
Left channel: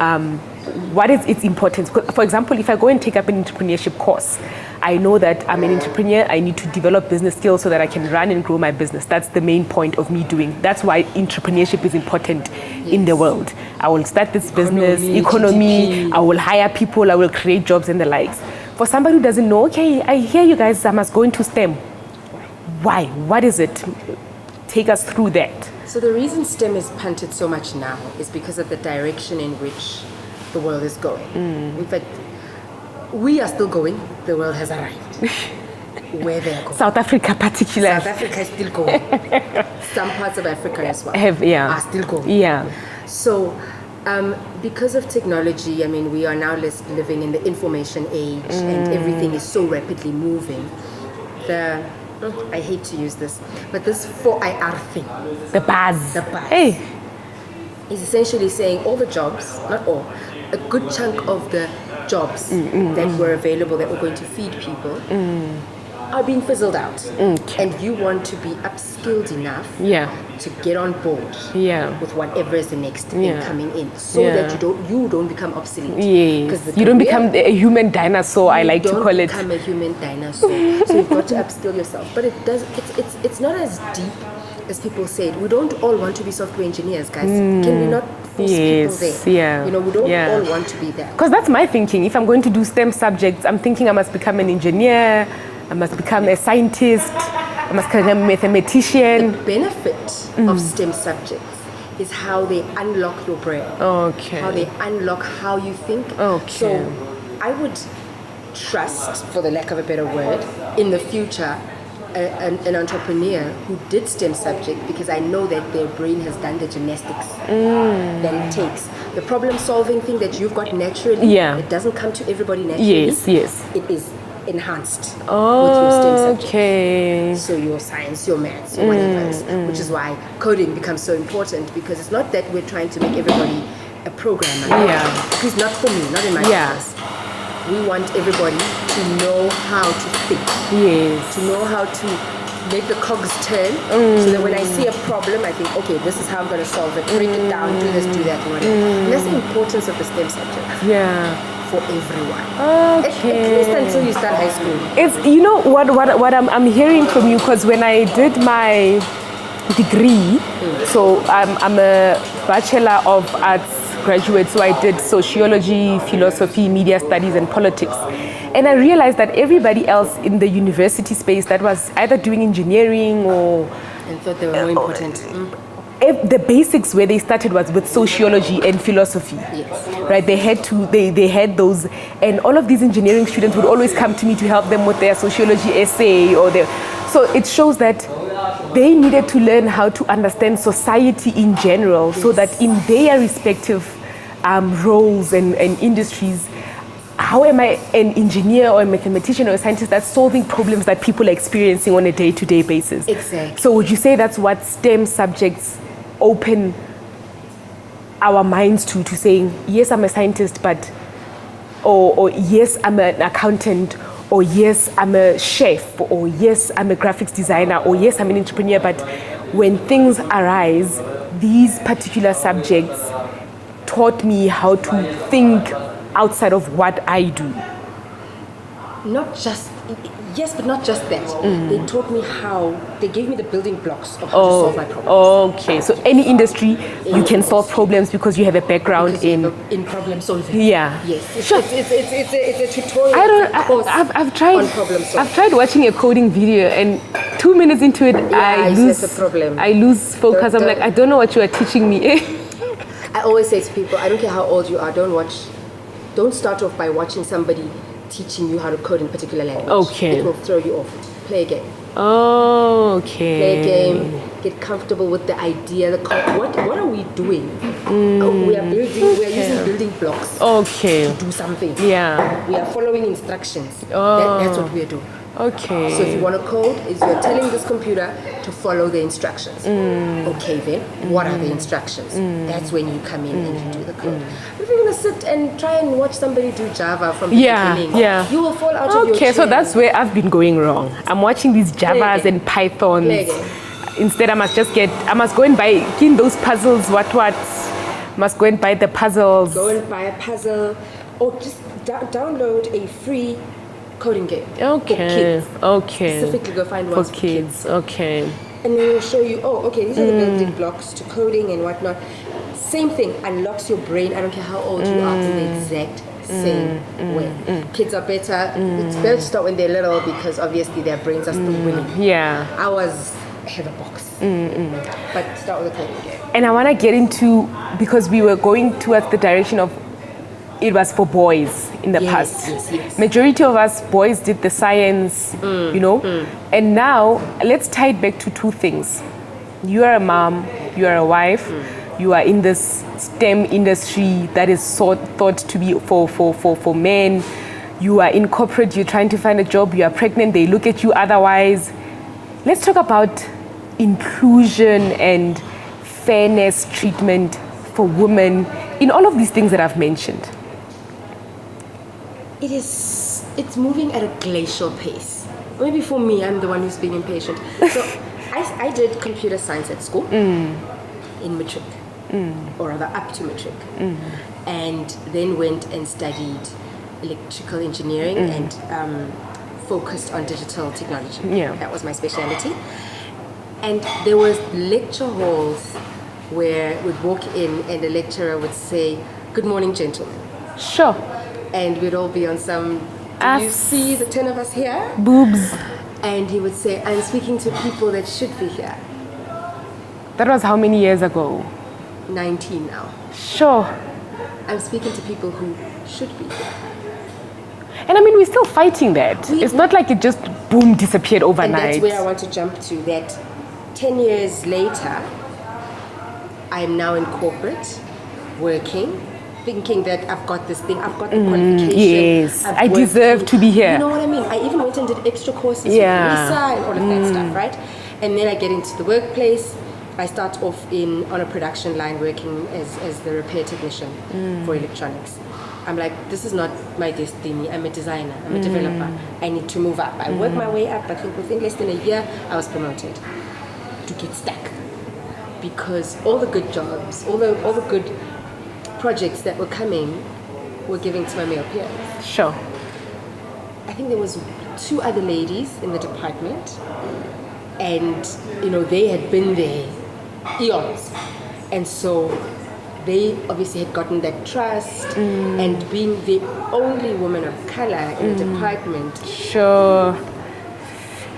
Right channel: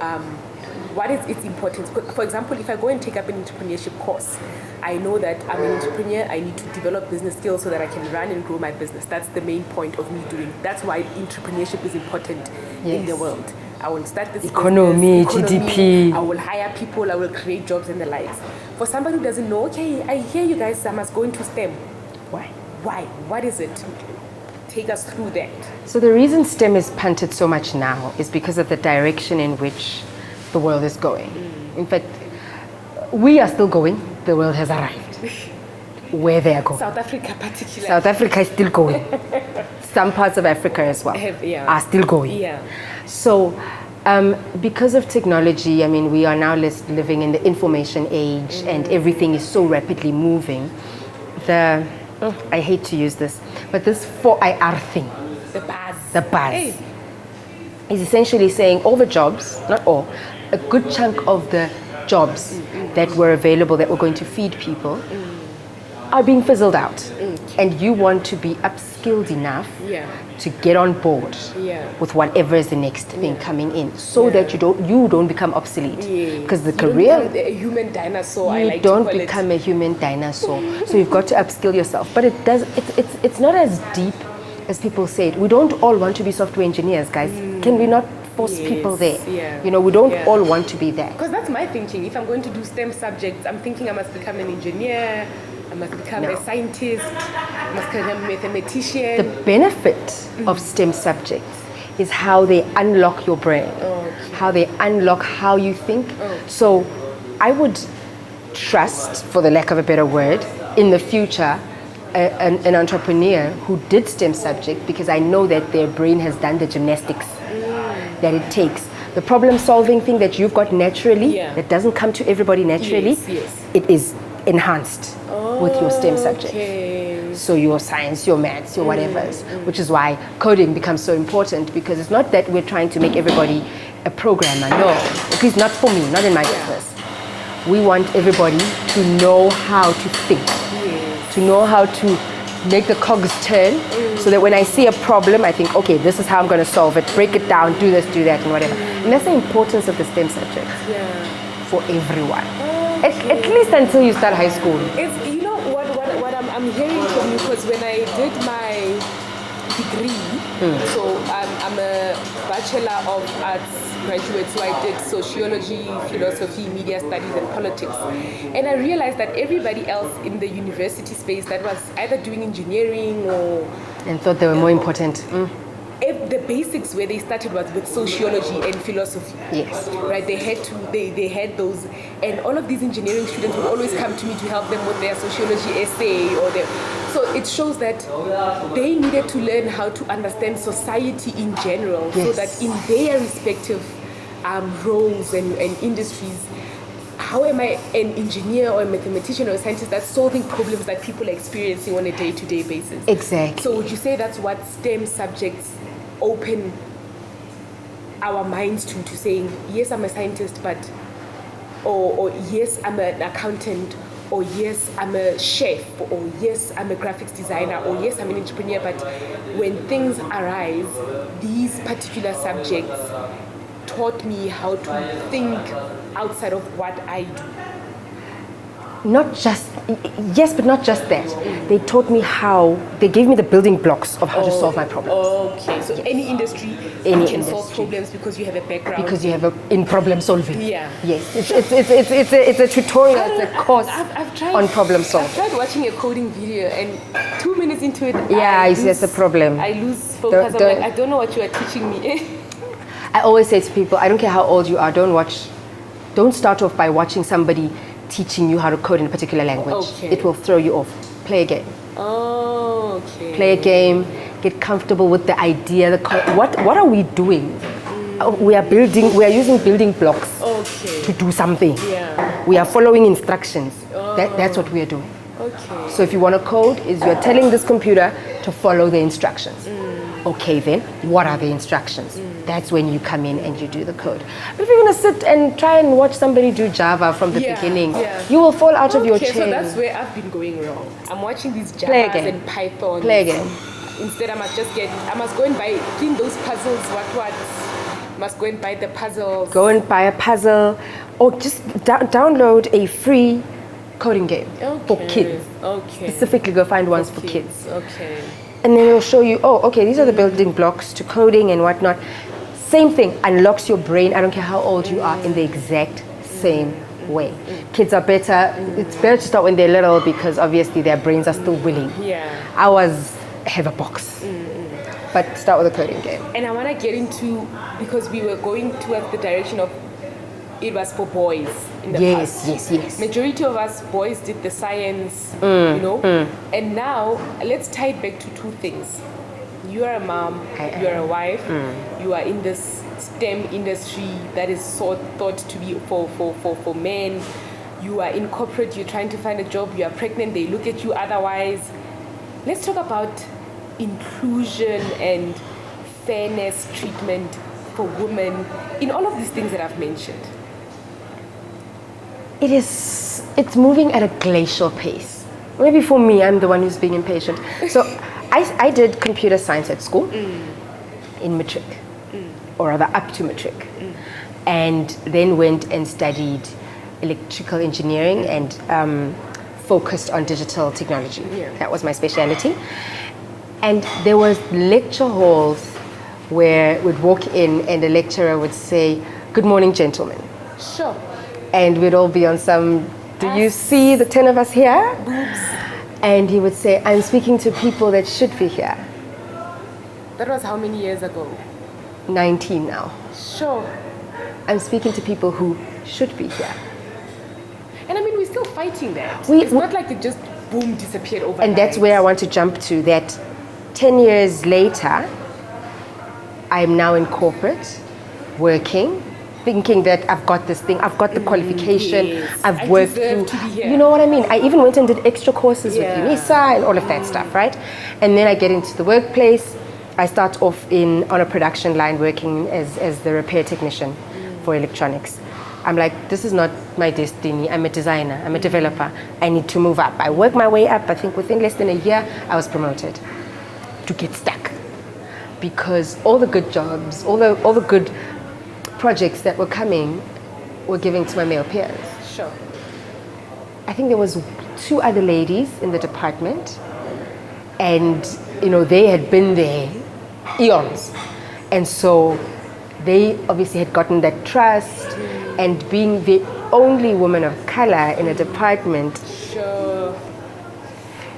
what is its importance? For example, if I go and take up an entrepreneurship course, I know that I'm an entrepreneur, I need to develop business skills so that I can run and grow my business. That's the main point of me doing. That's why entrepreneurship is important in the world. I will start this business, economy, I will hire people, I will create jobs and the likes. For somebody who doesn't know, okay, I hear you guys, I must go into STEM. Why? What is it? Take us through that. So the reason STEM is punted so much now is because of the direction in which the world is going. In fact, we are still going. The world has arrived. Where they are going. South Africa particularly. South Africa is still going. Some parts of Africa as well are still going. Yeah. So because of technology, I mean, we are now living in the information age and everything is so rapidly moving. I hate to use this, but this 4IR thing. The buzz. Is essentially saying all the jobs, not all, a good chunk of the jobs that were available that were going to feed people are being fizzled out. Okay. And you want to be upskilled enough Yeah. to get on board Yeah. with whatever is the next thing Yeah. coming in, so Yeah. that you don't become obsolete. Yeah. Because You don't become a human dinosaur, I like to call don't it. become a human dinosaur. So you've got to upskill yourself. But it's not as deep as people say it. We don't all want to be software engineers, guys. Can we not force people there? Yeah. You know, we don't Yeah. all want to be that. Because that's my thinking. If I'm going to do STEM subjects, I'm thinking I must become an engineer, I must become a scientist, I must become a The mathematician. benefit of STEM subjects is how they unlock your brain. Okay. How they unlock how you think. Okay. So I would trust, for the lack of a better word, in the future, an entrepreneur who did STEM subject, because I know that their brain has done the gymnastics that it takes. The problem solving thing that you've got naturally, Yeah. that doesn't come to everybody naturally, Yes. it is enhanced with your STEM subject. Okay. So your science, your maths, your whatever, which is why coding becomes so important, because it's not that we're trying to make everybody a programmer. No, Yeah. at least not for me, not in my Yeah. business. We want everybody to know how to think, Yes. to know how to make the cogs turn, so that when I see a problem, I think, okay, this is how I'm going to solve it. Break it down, do this, do that, and whatever. And that's the importance of the STEM subject Yeah. for everyone. At least until you start high school. It's, you know what I'm hearing from you, because when I did my degree, so I'm a Bachelor of Arts graduate, so I did sociology, philosophy, media studies, and politics. And I realized that everybody else in the university space that was either doing engineering or And thought they were more important. the basics where they started was with sociology and philosophy. Yes. Right, they had those, and all of these engineering students would always come to me to help them with their sociology essay or their. So it shows that they needed to learn how to understand society in general, so Yes. that in their respective roles and industries, how am I an engineer or a mathematician or a scientist that's solving problems that people are experiencing on a day-to-day basis? Exactly. So would you say that's what STEM subjects open our minds to saying, yes, I'm a scientist, but, or yes, I'm an accountant, or yes, I'm a chef, or yes, I'm a graphics designer, or yes, I'm an entrepreneur, but when things arise, these particular subjects taught me how to think outside of what I do. Not just, yes, but not just that. They taught me how, they gave me the building blocks of how to solve my problems. Okay, so any industry, you can solve industry. problems because you have a background Because you have in problem solving. Yeah. Yes. It's a tutorial, it's a course I've tried on problem solving. I've tried watching a coding video, and 2 minutes into it, Yeah, I see that's a problem. I lose focus. I'm like, I don't know what you are teaching me. I always say to people, I don't care how old you are, don't start off by watching somebody teaching you how to code in a particular language. Okay. It will throw you off. Play a game. Okay. Play a game, get comfortable with the idea, what are we doing? We are using building blocks Okay. to do something. Yeah. We are following instructions. That's what we are doing. Okay. So if you want to code, you're telling this computer to follow the instructions. Okay then, what are the instructions? That's when you come in and you do the code. But if you're going to sit and try and watch somebody do Java from the beginning, you will fall out of your chair. Okay, so that's where I've been going wrong. I'm watching these Javas and Pythons. Play a game. Instead, I must go and buy in those puzzles. What? Must go and buy the puzzles. Go and buy a puzzle, or just download a free coding game for kids. Okay. Specifically, go find ones For for kids. kids. Okay. And then it'll show you, these are the building blocks to coding and whatnot. Same thing, unlocks your brain. I don't care how old you are, in the exact same way. Kids are better. It's better to start when they're little, because obviously their brains are still willing. Yeah. Ours have a box. But start with a coding game. And I want to get into, because we were going towards the direction of it was for boys in the past. Yes. Majority of us boys did the science, and now let's tie it back to two things. You are a mom, you are a wife, you are in this STEM industry that is thought to be for men. You are in corporate, you're trying to find a job, you are pregnant, they look at you otherwise. Let's talk about inclusion and fairness treatment for women in all of these things that I've mentioned. It's moving at a glacial pace. Maybe for me, I'm the one who's being impatient. So I did computer science at school in matric, or rather up to matric, and then went and studied electrical engineering and focused on digital technology. Yeah. That was my specialty. And there was lecture halls where we'd walk in and the lecturer would say, "Good morning, gentlemen." Sure. And we'd all be on some, "Do you Us. see the 10 of us here?" Boobs. And he would say, "I'm speaking to people that should be here." That was how many years ago? 19 now. Sure. I'm speaking to people who should be here. And I mean, we're still fighting that. It's not like it just boom disappeared overnight. And that's where I want to jump to, that 10 years later, I'm now in corporate, working, thinking that I've got this thing, I've got the qualification. Yes, I've I worked deserve in- to be here. You know what I mean? I even went and did extra courses Yeah. with Lisa and all of that stuff, right? And then I get into the workplace. I start off on a production line working as the repair technician for electronics. I'm like, this is not my destiny. I'm a designer. I'm a developer. I need to move up. I work my way up. I think within less than a year, I was promoted to get stuck. Because all the good jobs, all the good projects that were coming were given to my male peers. Sure. I think there was 2 other ladies in the department, and they had been there eons, and so they obviously had gotten that trust. And being the only woman of color in a department Sure.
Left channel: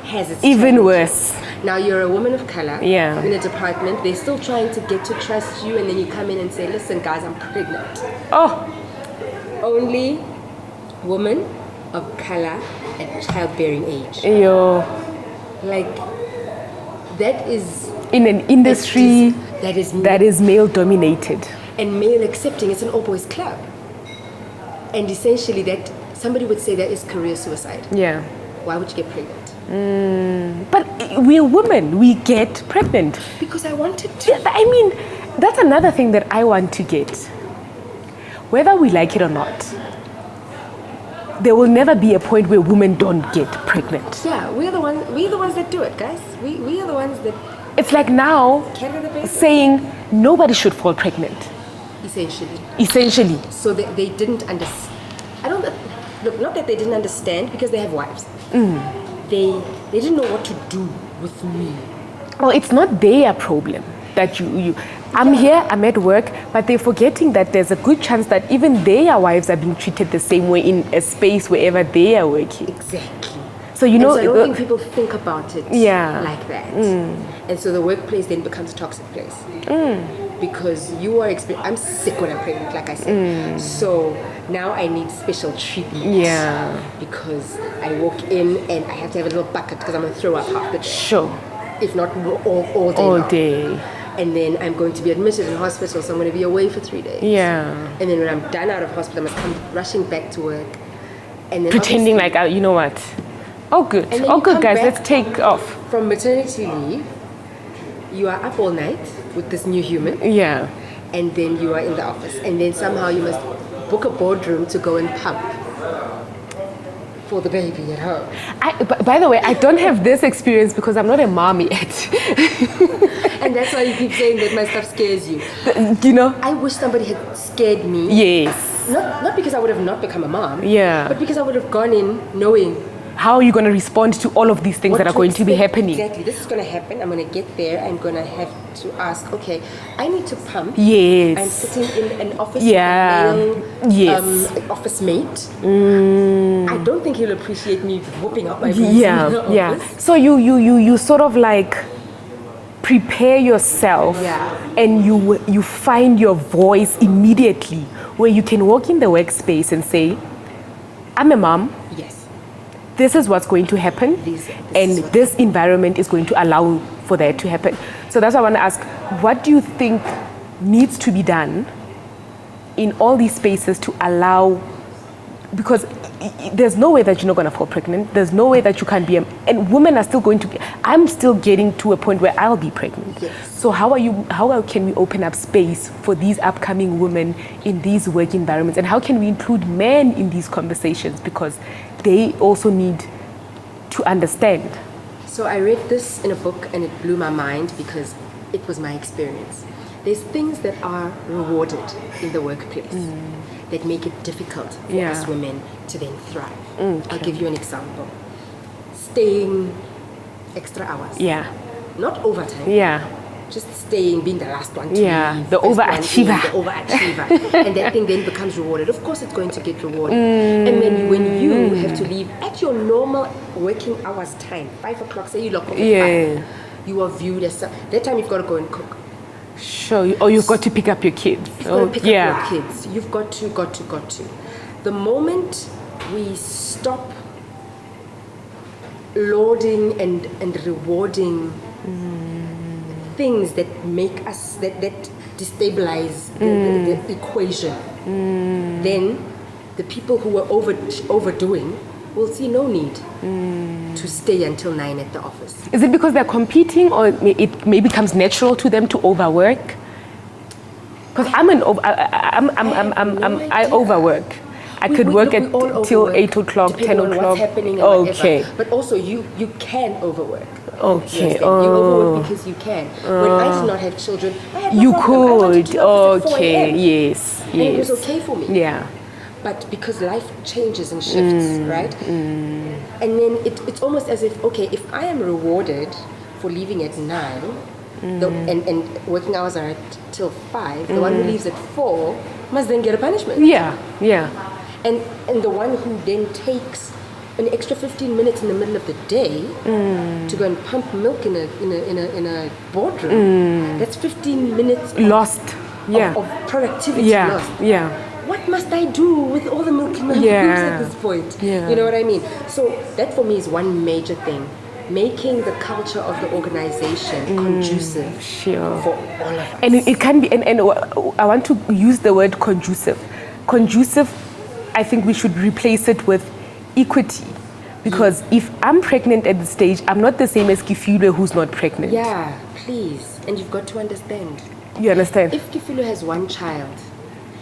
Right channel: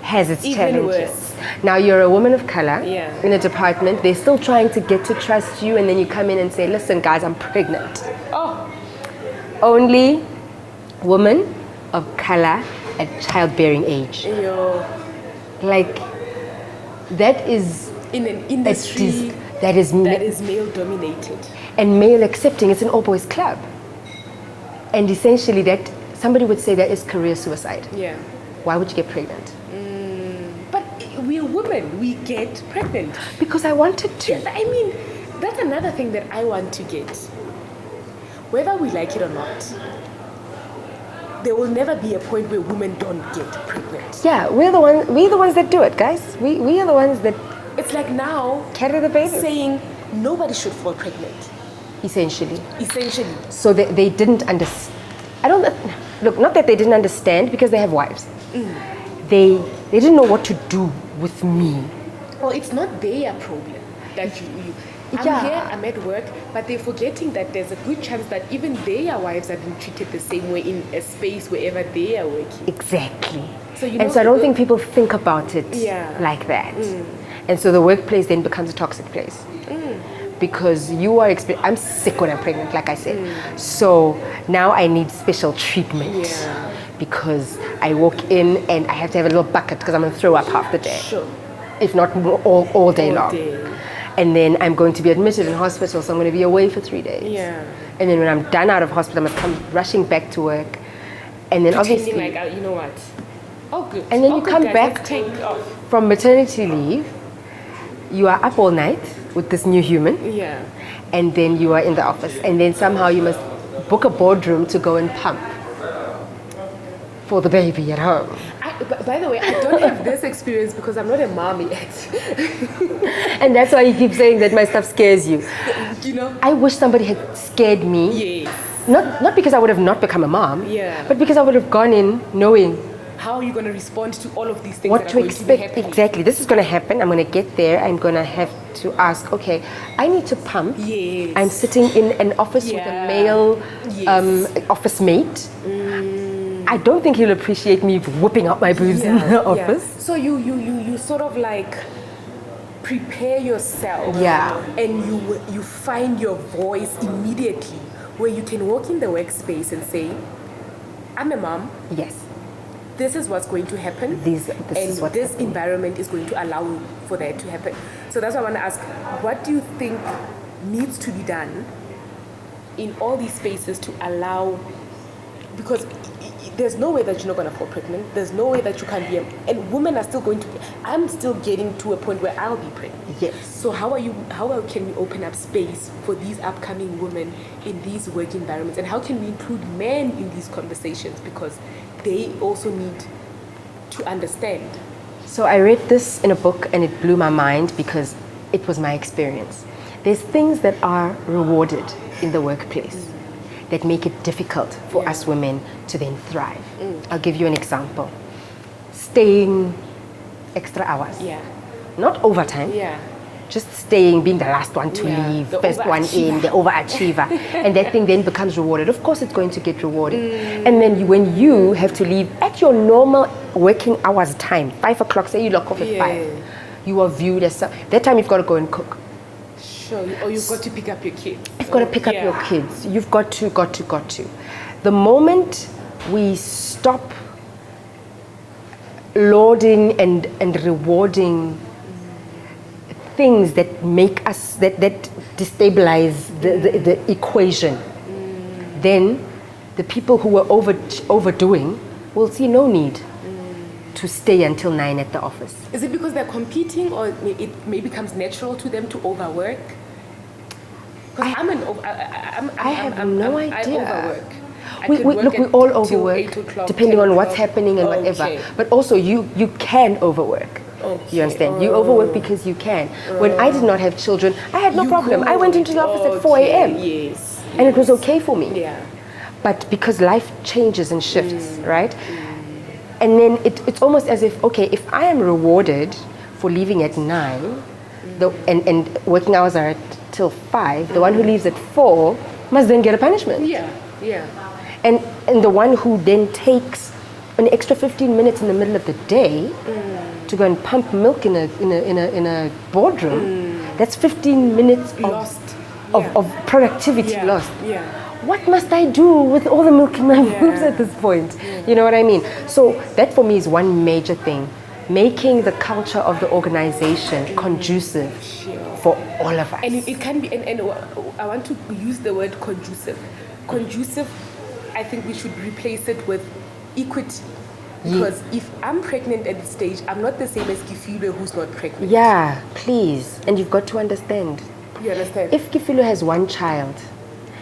has its Even challenges. worse. Now you're a woman of color Yeah. in a department. They're still trying to get to trust you, and then you come in and say, "Listen, guys, I'm pregnant." Oh, Only woman of color at childbearing age. yo. Like, that is In an industry that is that is male dominated. and male accepting. It's an all boys club, and essentially that somebody would say that is career suicide. Yeah. Why would you get pregnant? But we're women. We get pregnant. Because I wanted to. Yeah, but I mean, that's another thing that I want to get. Whether we like it or not, there will never be a point where women don't get pregnant. Yeah, we're the ones that do it, guys. We are the ones that It's like now carry the baby. saying nobody should fall pregnant, Essentially. essentially. So they didn't understand. I don't look. Not that they didn't understand, because they have wives. They didn't know what to do with me. Well, it's not their problem that I'm Yeah. here, I'm at work, but they're forgetting that there's a good chance that even their wives are being treated the same way in a space wherever they are working. Exactly. So you And know, so I don't think people think about it Yeah. like that. And so the workplace then becomes a toxic place. Because you are I'm sick when I'm pregnant, like I said. So now I need special treatment. Yeah. Because I walk in and I have to have a little bucket because I'm going to throw up half the day. Sure. If not all day All long. day. And then I'm going to be admitted in hospital, so I'm going to be away for 3 days. Yeah. And then when I'm done out of hospital, I must come rushing back to work. And then Pretending obviously- like, you know what? Oh, good. And then Oh, you good, come guys. back Let's take off. from maternity leave, you are up all night with this new human, Yeah. and then you are in the office, and then somehow you must book a boardroom to go and pump for the baby at home. By the way, I don't have this experience because I'm not a mom yet. And that's why you keep saying that my stuff scares you. You know? I wish somebody had scared me. Yes. Not because I would have not become a mom, Yeah. but because I would have gone in knowing How are you going to respond to all of these things that are going to be expect. happening? Exactly. This is going to happen. I'm going to get there. I'm going to have to ask, okay, I need to pump. Yes. I'm sitting in an office Yeah. with a male Yes. office mate. I don't think he'll appreciate me whipping out my boobs in the Yeah, yeah. office. So you sort of like prepare yourself, Yeah. and you find your voice immediately, where you can walk in the workspace and say, "I'm a mom. Yes. This is what's going to happen, This is and what this environment is going to allow for that to happen." So that's why I want to ask, what do you think needs to be done in all these spaces to allow? Because there's no way that you're not going to fall pregnant. There's no way that you can be, and women are still going to be. I'm still getting to a point where I'll be pregnant. Yes. So how can we open up space for these upcoming women in these work environments, and how can we include men in these conversations, because they also need to understand? So I read this in a book and it blew my mind because it was my experience. There's things that are rewarded in the workplace that make it difficult for us women to then thrive. I'll give you an example. Staying extra hours. Yeah. Not overtime. Yeah. Just staying, being the last one to leave. The first one in, overachiever. the overachiever. And that thing then becomes rewarded. Of course it's going to get rewarded. And then when you have to leave at your normal working hours time, 5 o'clock, say you lock off at 5, you are viewed as, that time you've got to go and cook. Sure. Or you've got to pick up your kids. You've got to pick up your kids. You've got to. The moment we stop lauding and rewarding things that make us, that destabilize the equation, then the people who are overdoing will see no need to stay until 9 at the office. Is it because they're competing, or it maybe becomes natural to them to overwork? Because I overwork. I could work till 8 o'clock, depending 10 on o'clock. what's happening and whatever. But also you can overwork. Okay. You understand? You overwork because you can. When I did not have children, I had no problem. I went into the office at 4 a.m. Yes. And it was okay for me. Yeah. But because life changes and shifts, right? And then it's almost as if, okay, if I am rewarded for leaving at 9, and working hours are till 5, the one who leaves at 4 must then get a punishment. Yeah. And the one who then takes an extra 15 minutes in the middle of the day to go and pump milk in a boardroom, that's 15 minutes Lost. of productivity lost. Yeah. What must I do with all the milk in my boobs at this point? You know what I mean? So that for me is one major thing. Making the culture of the organization conducive for all of us. And it can be, and I want to use the word conducive. Conducive, I think we should replace it with equity. Because if I'm pregnant at this stage, I'm not the same as Kifilo who's not pregnant. Yeah, please. And you've got to understand. You understand? If Kifilo has one child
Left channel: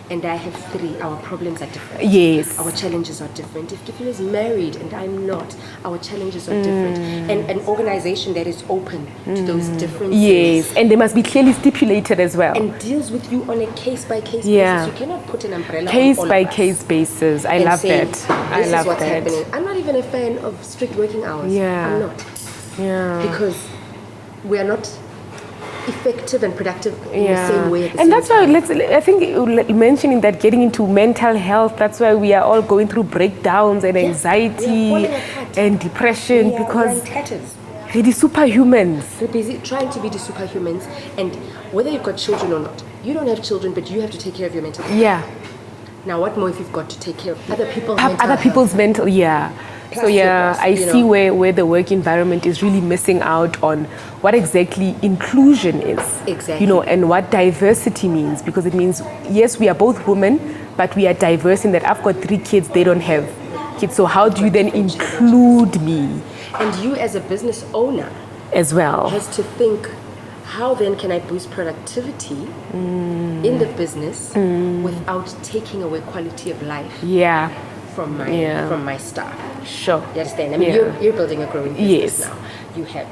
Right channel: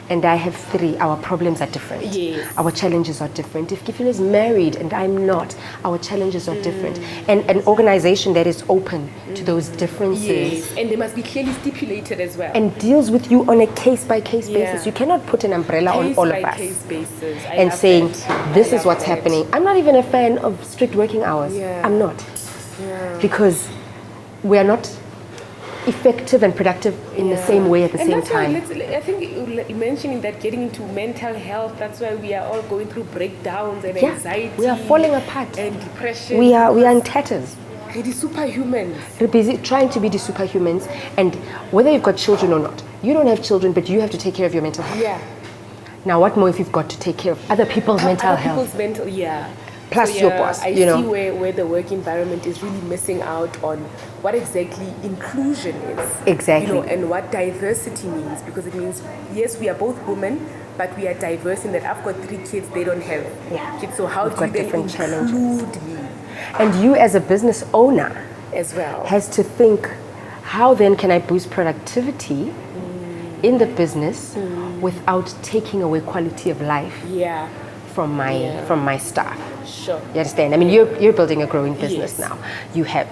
and I have 3, our problems are different. Yes. Our challenges are different. If Kifilo is married and I'm not, our challenges are different. And an organization that is open to those differences. Yes, and they must be clearly stipulated as well. And deals with you on a case-by-case basis. You cannot put an umbrella on all of us. Case-by-case basis. I and love saying, that. This is what's happening. I'm not even a fan of strict working hours. Yeah. I'm not. Yeah. Because we are not effective and productive in the same way at the same time. And that's why I think mentioning that, getting into mental health, that's why we are all going through breakdowns and anxiety. We are falling apart. And depression. We are in tatters. We're the superhumans. We're busy trying to be the superhumans, and whether you've got children or not, you don't have children, but you have to take care of your mental health. Yeah. Now, what more if you've got to take care of other people's mental health? Plus so I see where the work environment is really missing out on what exactly inclusion is. Exactly. And what diversity means. Because it means, yes, we are both women, but we are diverse in that I've got 3 kids, they don't have kids. So how do you then include me? And you as a business owner as well has to think, how then can I boost productivity in the business without taking away quality of life? From my staff. Sure. You understand? I mean, you're building a growing business now. You have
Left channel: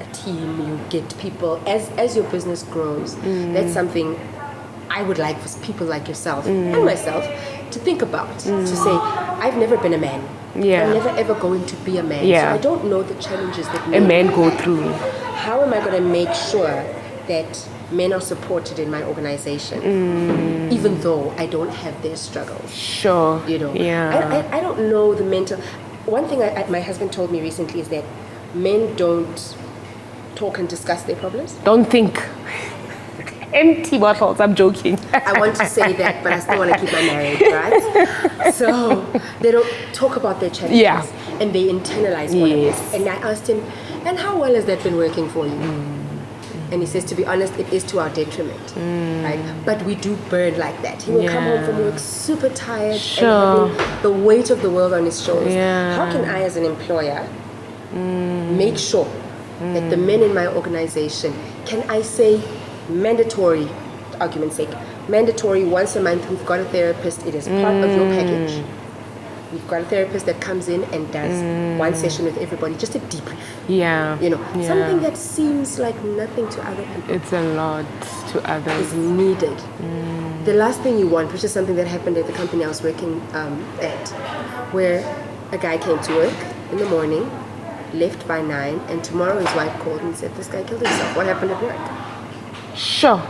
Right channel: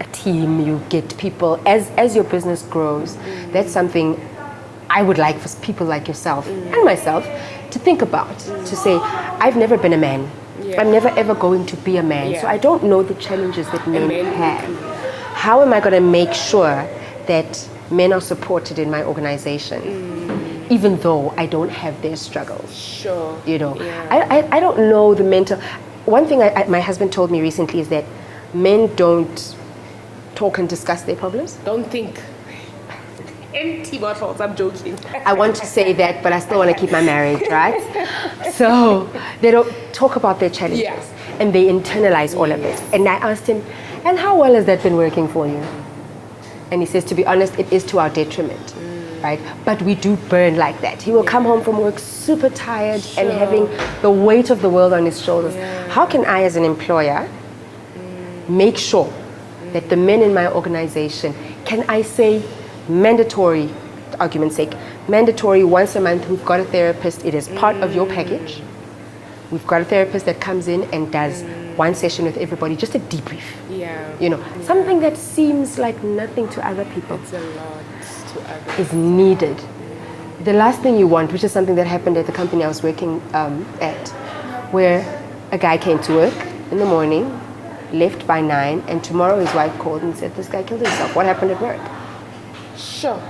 a team, you get people. As your business grows, that's something I would like for people like yourself and myself to think about. To say, I've never been a man. I'm never ever going to be a man. So I don't know the challenges that men go through. How am I going to make sure that men are supported in my organization, even though I don't have their struggles? Sure. I don't know the mental. One thing my husband told me recently is that men don't talk and discuss their problems. Don't think. Empty bottles, I'm joking. I want to say that, but I still want to keep my marriage, right? So they don't talk about their challenges and they internalize all of this. And I asked him, and how well has that been working for you? And he says, to be honest, it is to our detriment, right? But we do burn like that. He will come home from work super tired and having the weight of the world on his shoulders. How can I, as an employer, make sure that the men in my organization, can I say mandatory, for argument's sake, mandatory once a month, we've got a therapist, it is part of your package. We've got a therapist that comes in and does one session with everybody, just a debrief. Yeah. You know, Yeah. something that seems like nothing to other people It's a lot to others. is needed. The last thing you want, which is something that happened at the company I was working at, where a guy came to work in the morning, left by 9, and tomorrow his wife called and said, this guy killed himself. What happened at work? Sure.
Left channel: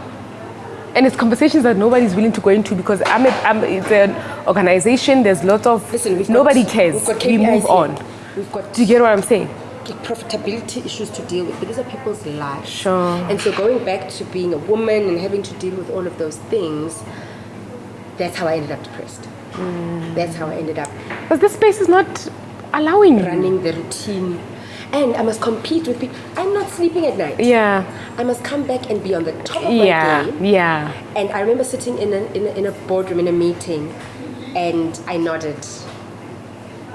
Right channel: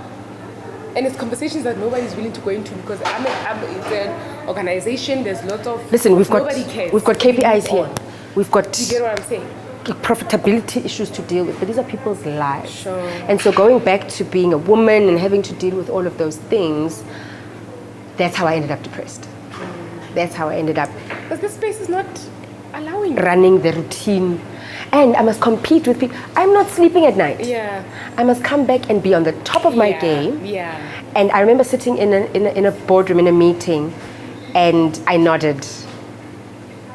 And it's conversations that nobody's willing to go into because it's an organization, there's lots of... Listen, nobody cares. We've got We KPIs move on. here. We've got Do you get what I'm saying? profitability issues to deal with, but these are people's lives. Sure. And so going back to being a woman and having to deal with all of those things, that's how I ended up depressed. That's how I ended up Because this space is not allowing running the routine. And I must compete with people. I'm not sleeping at night. Yeah. I must come back and be on the top of my game. Yeah. And I remember sitting in a boardroom, in a meeting, and I nodded.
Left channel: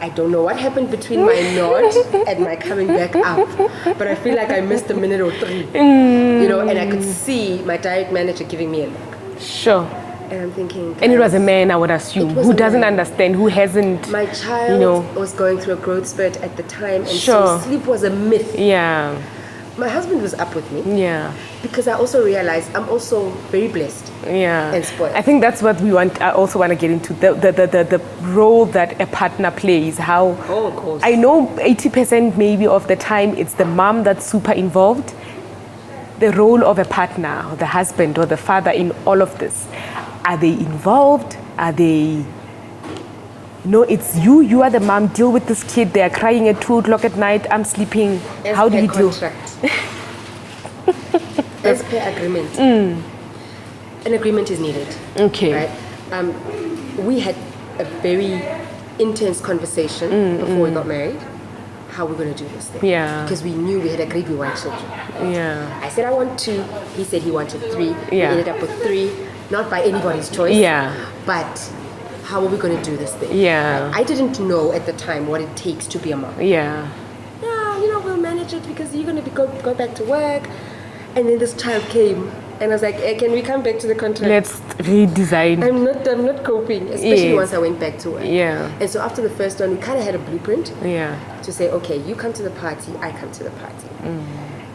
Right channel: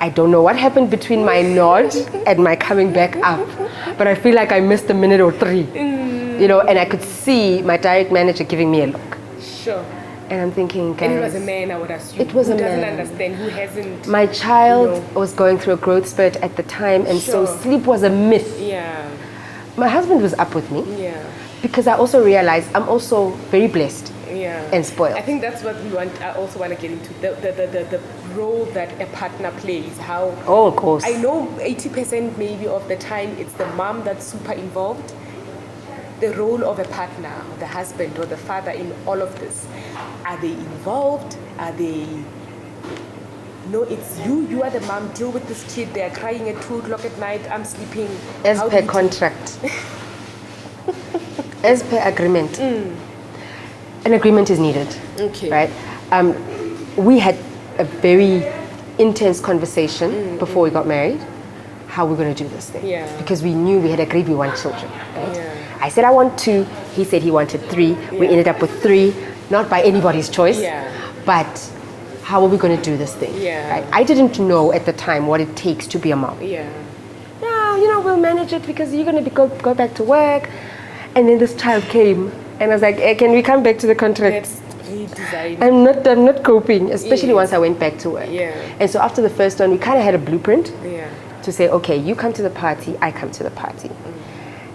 I don't know what happened between my nod and my coming back up, but I feel like I missed a minute or 3. You know, and I could see my direct manager giving me a look. Sure. And I'm thinking, And it guys, was a man, I would assume, It was who a doesn't man. understand, who hasn't... my child you know. was going through a growth spurt at the time, and Sure. so sleep was a myth. Yeah. My husband was up with me Yeah. because I also realized I'm also very blessed. Yeah. And spoiled. I think that's what we want. I also want to get into the role that a partner plays. How? Oh, of course. I know 80% maybe of the time it's the mom that's super involved. The role of a partner, or the husband or the father in all of this. Are they involved? Are they? No, it's you. You are the mom. Deal with this kid. They are crying at 2 o'clock at night. I'm sleeping. As How do per you deal? contract. As per agreement. An agreement is needed. Okay. Right? We had a very intense conversation before we got married. How we're going to do this thing. Yeah. Because we knew we had agreed we want children. Yeah. I said I want 2. He said he wanted 3. We Yeah. ended up with 3. Not by anybody's choice. Yeah. But how are we going to do this thing? Yeah. Right? I didn't know at the time what it takes to be a mom. Yeah. No, you know, we'll manage it because you're going to go back to work. And then this child came, and I was like, hey, can we come back to the contract? Let's redesign. I'm not coping, especially Yes. once I went back to work. Yeah. And so after the first one, we kind of had a blueprint Yeah. to say, okay, you come to the party, I come to the party,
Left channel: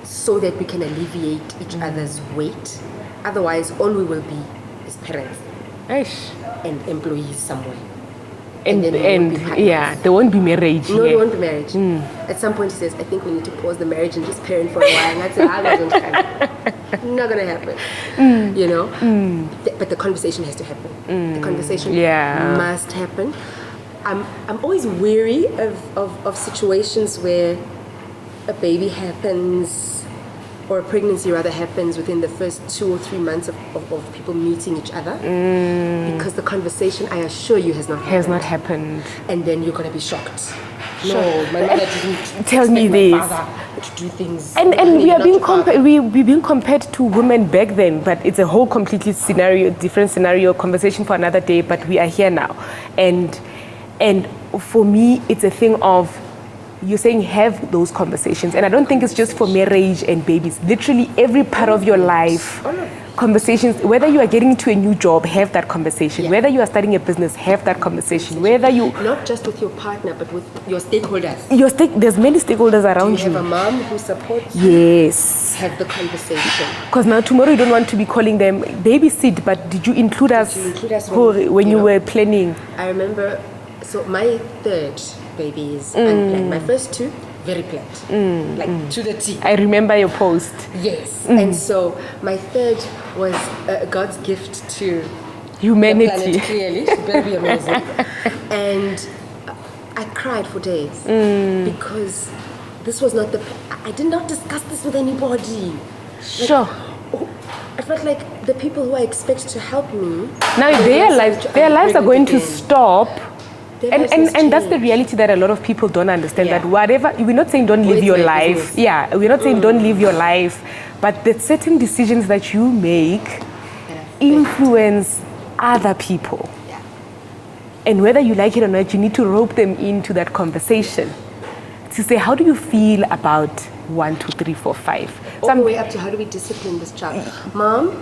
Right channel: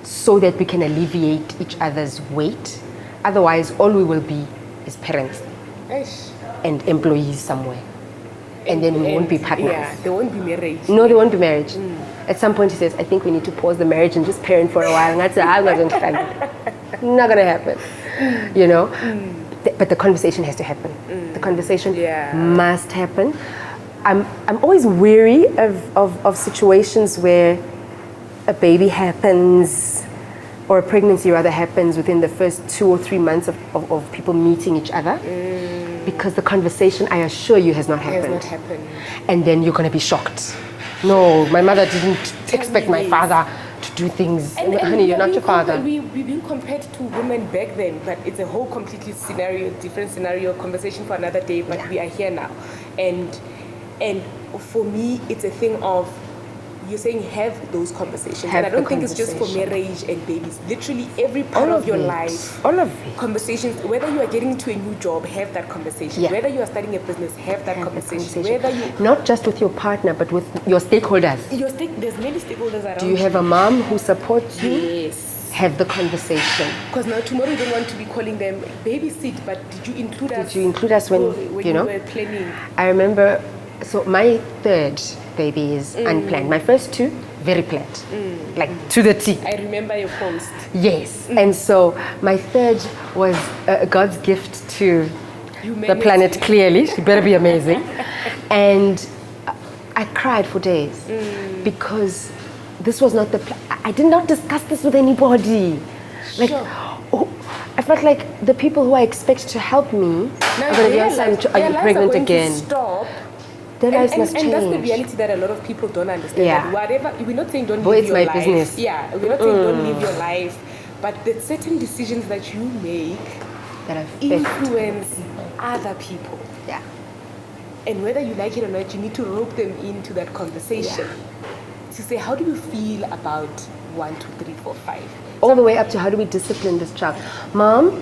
so that we can alleviate each other's weight. Otherwise, all we will be is parents Eish. and employees somewhere. And then we won't be partners. Yeah, there won't be marriage. No, yeah. there won't be marriage. At some point, he says, I think we need to pause the marriage and just parent for a while. And that's I wasn't not gonna happen. You know. But the conversation has to happen. The conversation Yeah. must happen. I'm always weary of situations where a baby happens or a pregnancy rather happens within the first 2 or 3 months of people meeting each other, because the conversation, I assure you, has not happened. Has not happened. And then you're going to be shocked. No, my mother didn't Tell expect me my this. father to do things. And Honey, we you're are not being your father. we're being compared to women back then, but it's a whole completely different scenario, conversation for another day. But we are here now, and for me, it's a thing of. You're saying have those conversations, and I don't think it's just for marriage and babies. Literally every part All of of your it. life, All of it. conversations. Whether you are getting into a new job, have that conversation. Yeah. Whether you are starting a business, have that conversation. Whether you Not just with your partner, but with your stakeholders. there's many stakeholders Do around you have a mom who supports you? Yes. Have the conversation. Because now tomorrow you don't want to be calling them babysit, but did you include us? you include us when you you know? were planning? I remember, so my 3rd baby is unplanned. My first 2, very planned. Like to the T. I remember your post. Yes. And so my 3rd was God's gift to Humanity. the planet, clearly. She better be amazing. And I cried for days because this was not I did not discuss this with anybody. Like, Sure. oh, I felt like the people who I expect to help me. Now their lives are going to stop. Their lives must And that's the change. reality that a lot of people don't understand. Yeah. That whatever, we're not saying don't live it's your my life. business. Yeah, we're not saying don't live your life. But the certain decisions that you make That affect- influence other people. Yeah. And whether you like it or not, you need to rope them into that conversation. To say, how do you feel about 1, 2, 3, 4, 5? All the way up to how do we discipline this child? Mom,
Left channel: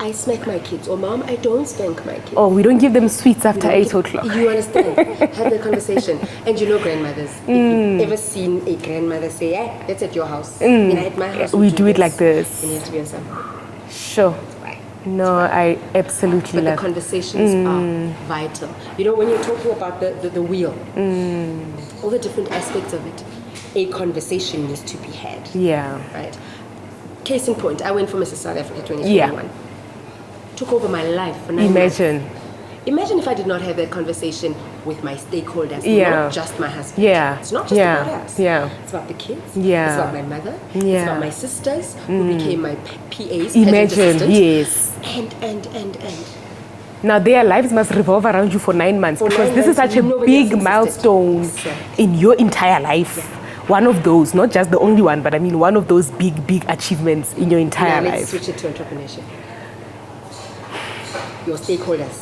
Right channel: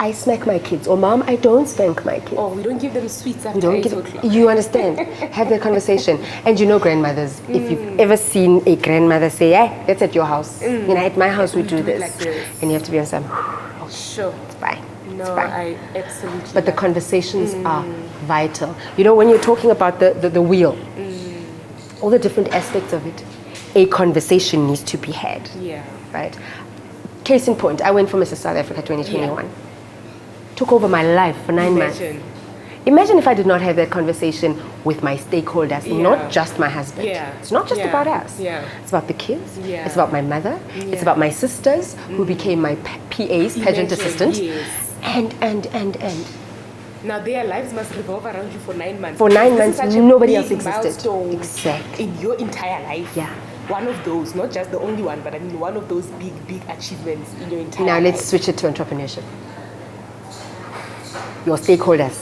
I smack my kids, or mom, I don't spank my kids. Oh, we don't give them sweets after Don't 8 give- o'clock. You understand? Have that conversation. And you know, grandmothers, if you've ever seen a grandmother say, hey, that's at your house. And at my house, We do it like this. And you have to be on some, Sure. it's fine. No, I absolutely But the love conversations are vital. You know, when you're talking about the wheel, all the different aspects of it, a conversation needs to be had. Yeah. Right? Case in point, I went for Mrs. South Africa 2021. Took over my life for 9 months. Imagine if I did not have that conversation with my stakeholders, not just my husband. Yeah. It's not just about us. Yeah. It's about the kids. Yeah. It's about my mother. It's Yeah. about my sisters who became my PAs, pageant Imagine, assistants. yes. And. Now their lives must revolve around you for 9 months. For because 9 this months, is such a nobody else big existed. milestone Exactly. in your entire life. Yeah. One of those, not just the only one, but I mean one of those big achievements in your entire Now life. let's switch it to entrepreneurship. Your stakeholders.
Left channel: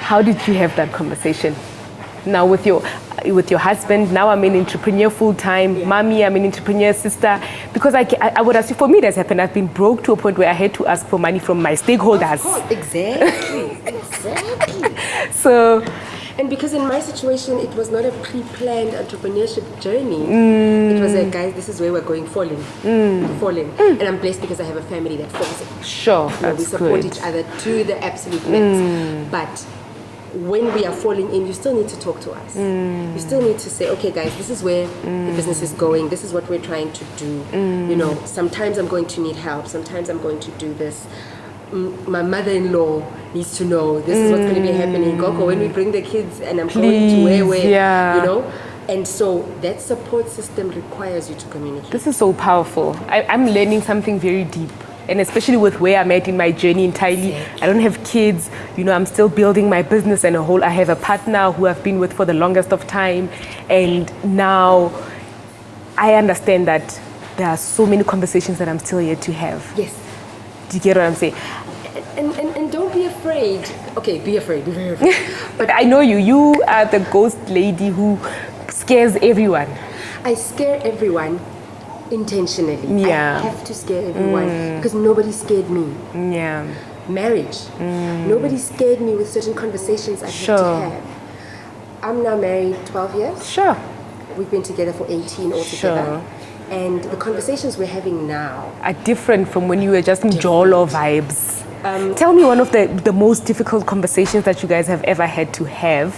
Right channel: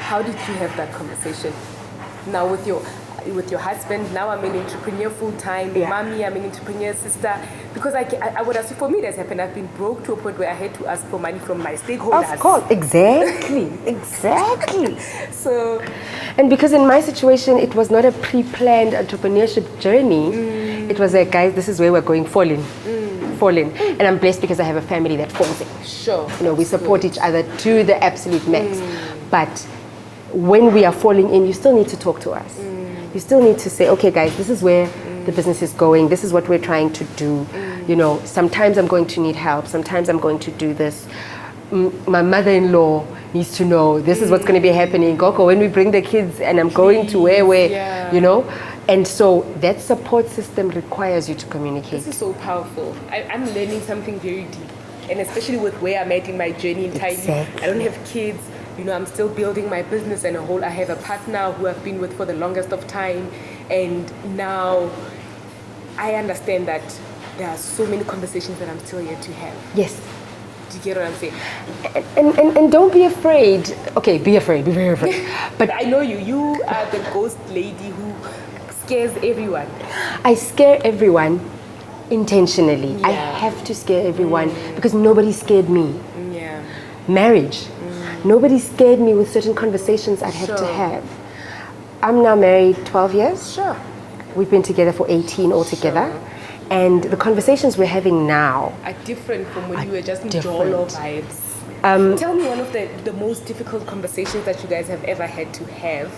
How did you have that conversation? Now with your husband, now I'm an entrepreneur full time. Yeah. Mommy, I'm an entrepreneur sister. Because I would assume for me that's happened. I've been broke to a point where I had to ask for money from my stakeholders. Of course, exactly, exactly. So, And because in my situation, it was not a pre-planned entrepreneurship journey. It was like, guys, this is where we're going, fall in. And I'm blessed because I have a family that falls in. sure, You know, we support each other to the absolute max. But when we are falling in, you still need to talk to us. You still need to say, okay, guys, this is where the business is going. This is what we're trying to do. You know, sometimes I'm going to need help. Sometimes I'm going to do this. My mother-in-law needs to know this is what's going to be happening. Goko, when we bring the kids and I'm going to where, yeah. you know. And so that support system requires you to communicate. this is so powerful. I'm learning something very deep. And especially with where I'm at in my journey entirely. Exactly. I don't have kids, you know, I'm still building my business and I have a partner who I've been with for the longest of time. And now I understand that there are so many conversations that I'm still yet to have. Yes. Do you get what I'm saying? And don't be afraid. Okay, be afraid, be very afraid. But I know you are the ghost lady who scares everyone. I scare everyone intentionally. Yeah. I have to scare everyone because nobody scared me. Yeah. Marriage. Nobody scared me with certain conversations I had to Sure. have. I'm now married 12 years. Sure. We've been together for 18 altogether. Sure. And the conversations we're having now, Are different from when you were just in Jolo vibes. Tell me one of the most difficult conversations that you guys have ever had to have,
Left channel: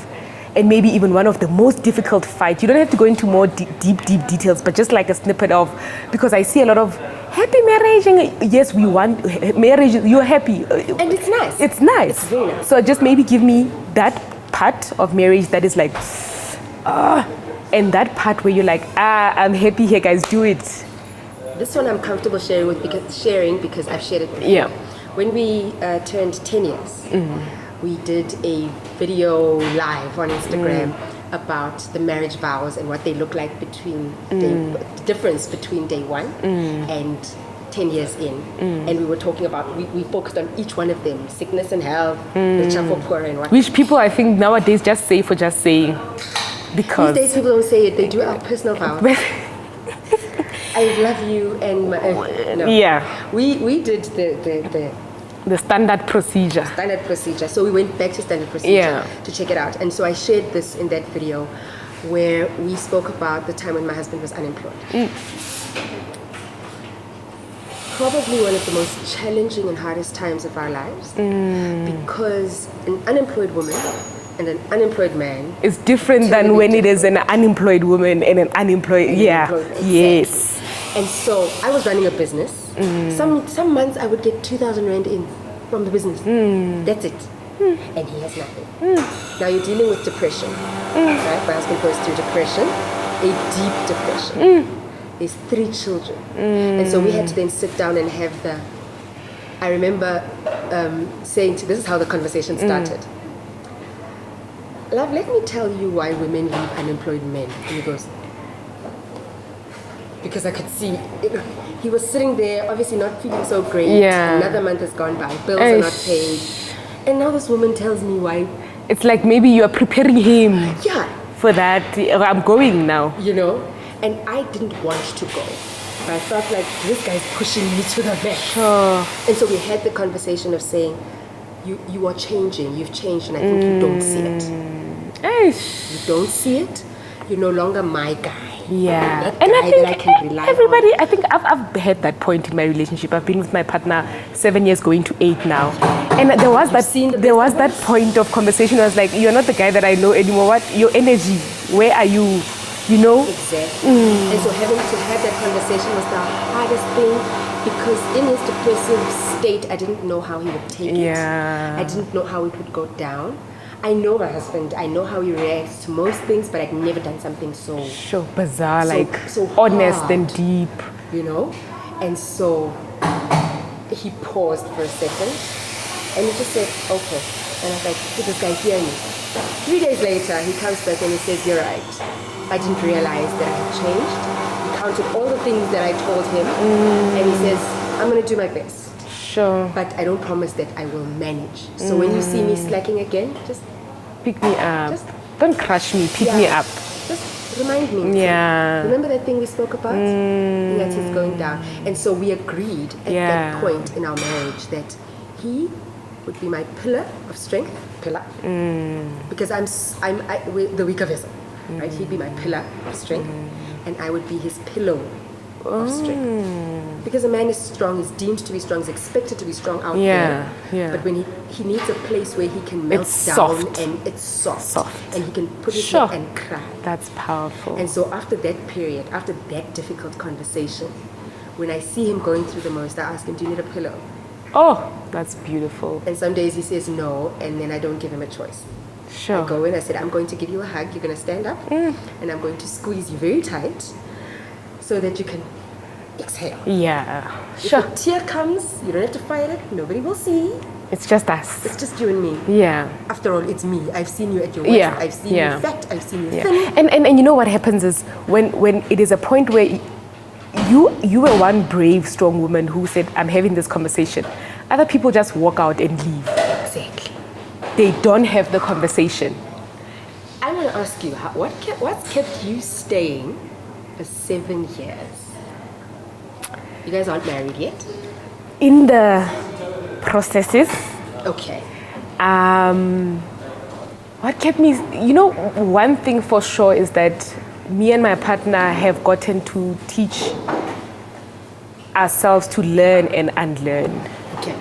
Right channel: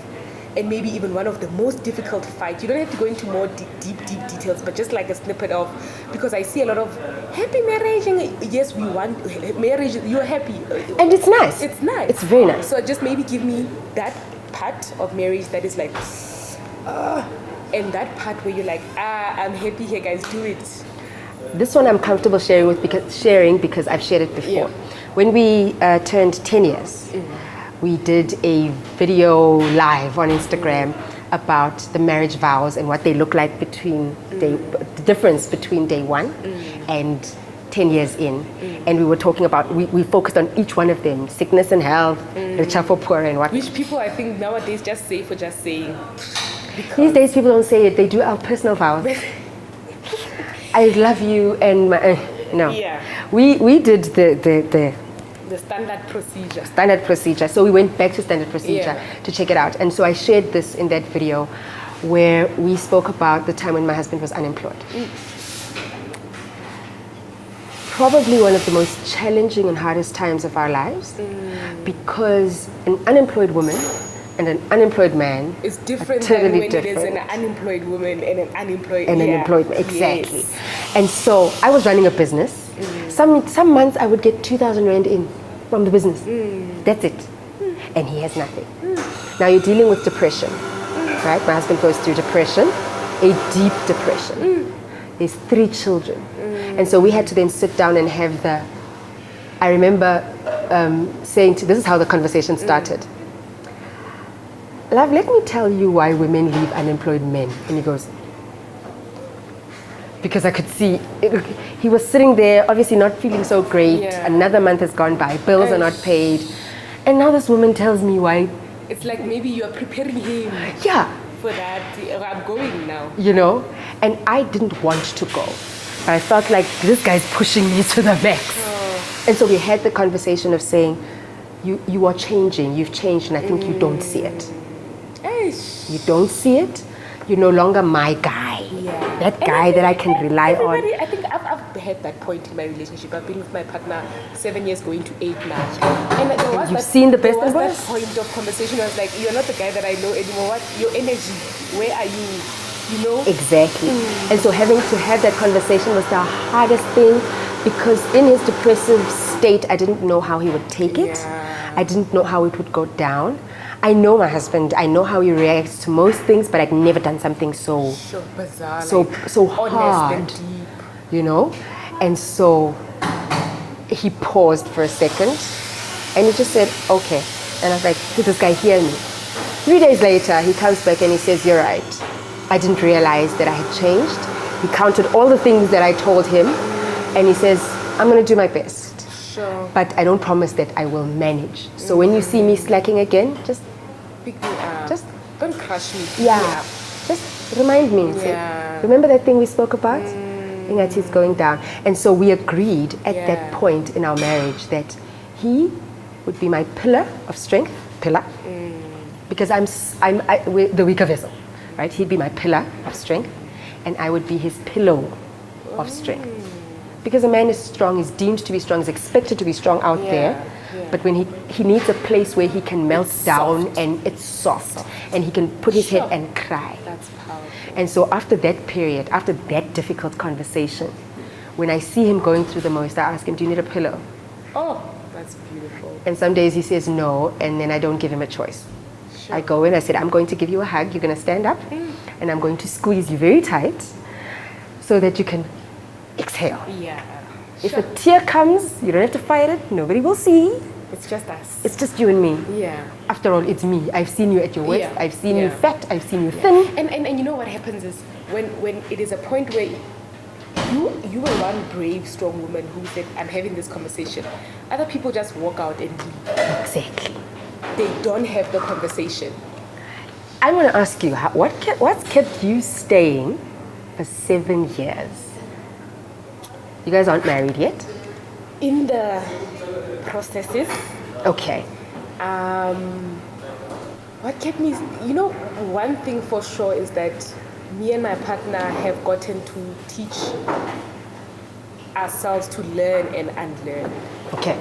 and maybe even one of the most difficult fights. You don't have to go into more deep details, but just like a snippet of, because I see a lot of happy marriage, and yes, we want marriage, you're happy. and it's nice. It's nice. It's very nice. So just maybe give me that part of marriage that is like, and that part where you're like, I'm happy here, guys, do it. This one I'm comfortable sharing because I've shared it before. Yeah. When we turned 10 years, we did a video live on Instagram about the marriage vows and what they look like between the difference between day one and 10 years in. And we were talking about, we focused on each one of them, sickness and health, the for poor and what. Which people I think nowadays just say for just saying. Because These days people don't say it, they do our personal vows. I love you and my, no. Yeah. We did the standard procedure. standard procedure. So we went back to standard procedure Yeah. to check it out. And so I shared this in that video where we spoke about the time when my husband was unemployed. Probably one of the most challenging and hardest times of our lives because an unemployed woman and an unemployed man It's different than Totally when it is an different. unemployed woman and an unemployed. and yeah. unemployed. Exactly. Yes. And so I was running a business. Some months I would get 2,000 Rand in from the business. That's it. And he has nothing. Now you're dealing with depression, right? My husband goes through depression, a deep depression. There's 3 children. And so we had to then sit down and have I remember saying this is how the conversation started. Love, let me tell you why women leave unemployed men. And he goes, because I could see, he was sitting there, obviously not feeling so great. Yeah. Another month has gone by, bills are not paid. And now this woman tells me why. It's like maybe you are preparing him Yeah, for that. I'm going now. you know, and I didn't want to go. But I felt like this guy's pushing me to the max. And so we had the conversation of saying, you are changing, you've changed, and I think you don't see it. You don't see it. You're no longer my guy. Yeah. That guy that I can rely everybody, on. I think I've had that point in my relationship. I've been with my partner 7 years, going to 8 now. And there was that point of conversation where I was like, you're not the guy that I know anymore. What? Your energy, where are you? You know? Exactly. And so having to have that conversation was the hardest thing, because in his depressive state, I didn't know how he would take it. I didn't know how it would go down. I know my husband, I know how he reacts to most things, but I've never done something so bizarre, so honest hard, and deep. You know? And so he paused for a second and he just said, okay. And I was like, did this guy hear me? 3 days later, he comes back and he says, you're right. I didn't realize that I had changed. He counted all the things that I told him and he says, I'm going to do my best. Sure. But I don't promise that I will manage. So when you see me slacking again, just pick me up. Just don't crush me. Pick me up. Just remind me. Yeah. Remember that thing we spoke about? And that he's going down. And so we agreed at that point in our marriage that he would be my pillar of strength, because I'm the weaker vessel, right? He'd be my pillar of strength, and I would be his pillow of strength. Because a man is strong, is deemed to be strong, is expected to be strong out there. But when he needs a place where he can melt down and it's soft. And he can put his head and cry. That's powerful. And so after that period, after that difficult conversation, when I see him going through the most, I ask him, do you need a pillow? Oh, that's beautiful. And some days he says no, and then I don't give him a choice. Sure. I go in, I said, I'm going to give you a hug, you're going to stand up, and I'm going to squeeze you very tight so that you can exhale. Yeah. If a tear comes, you don't have to fight it. Nobody will see. It's just us. It's just you and me. Yeah. After all, it's me. I've seen you at your worst. I've seen you fat. I've seen you thin. And you know what happens is when it is a point where you were one brave, strong woman who said, I'm having this conversation. Other people just walk out and leave. Exactly. They don't have the conversation. I want to ask you, what's kept you staying for 7 years? You guys aren't married yet? In the processes. Okay. What kept me, one thing for sure is that me and my partner have gotten to teach ourselves to learn and unlearn. Okay.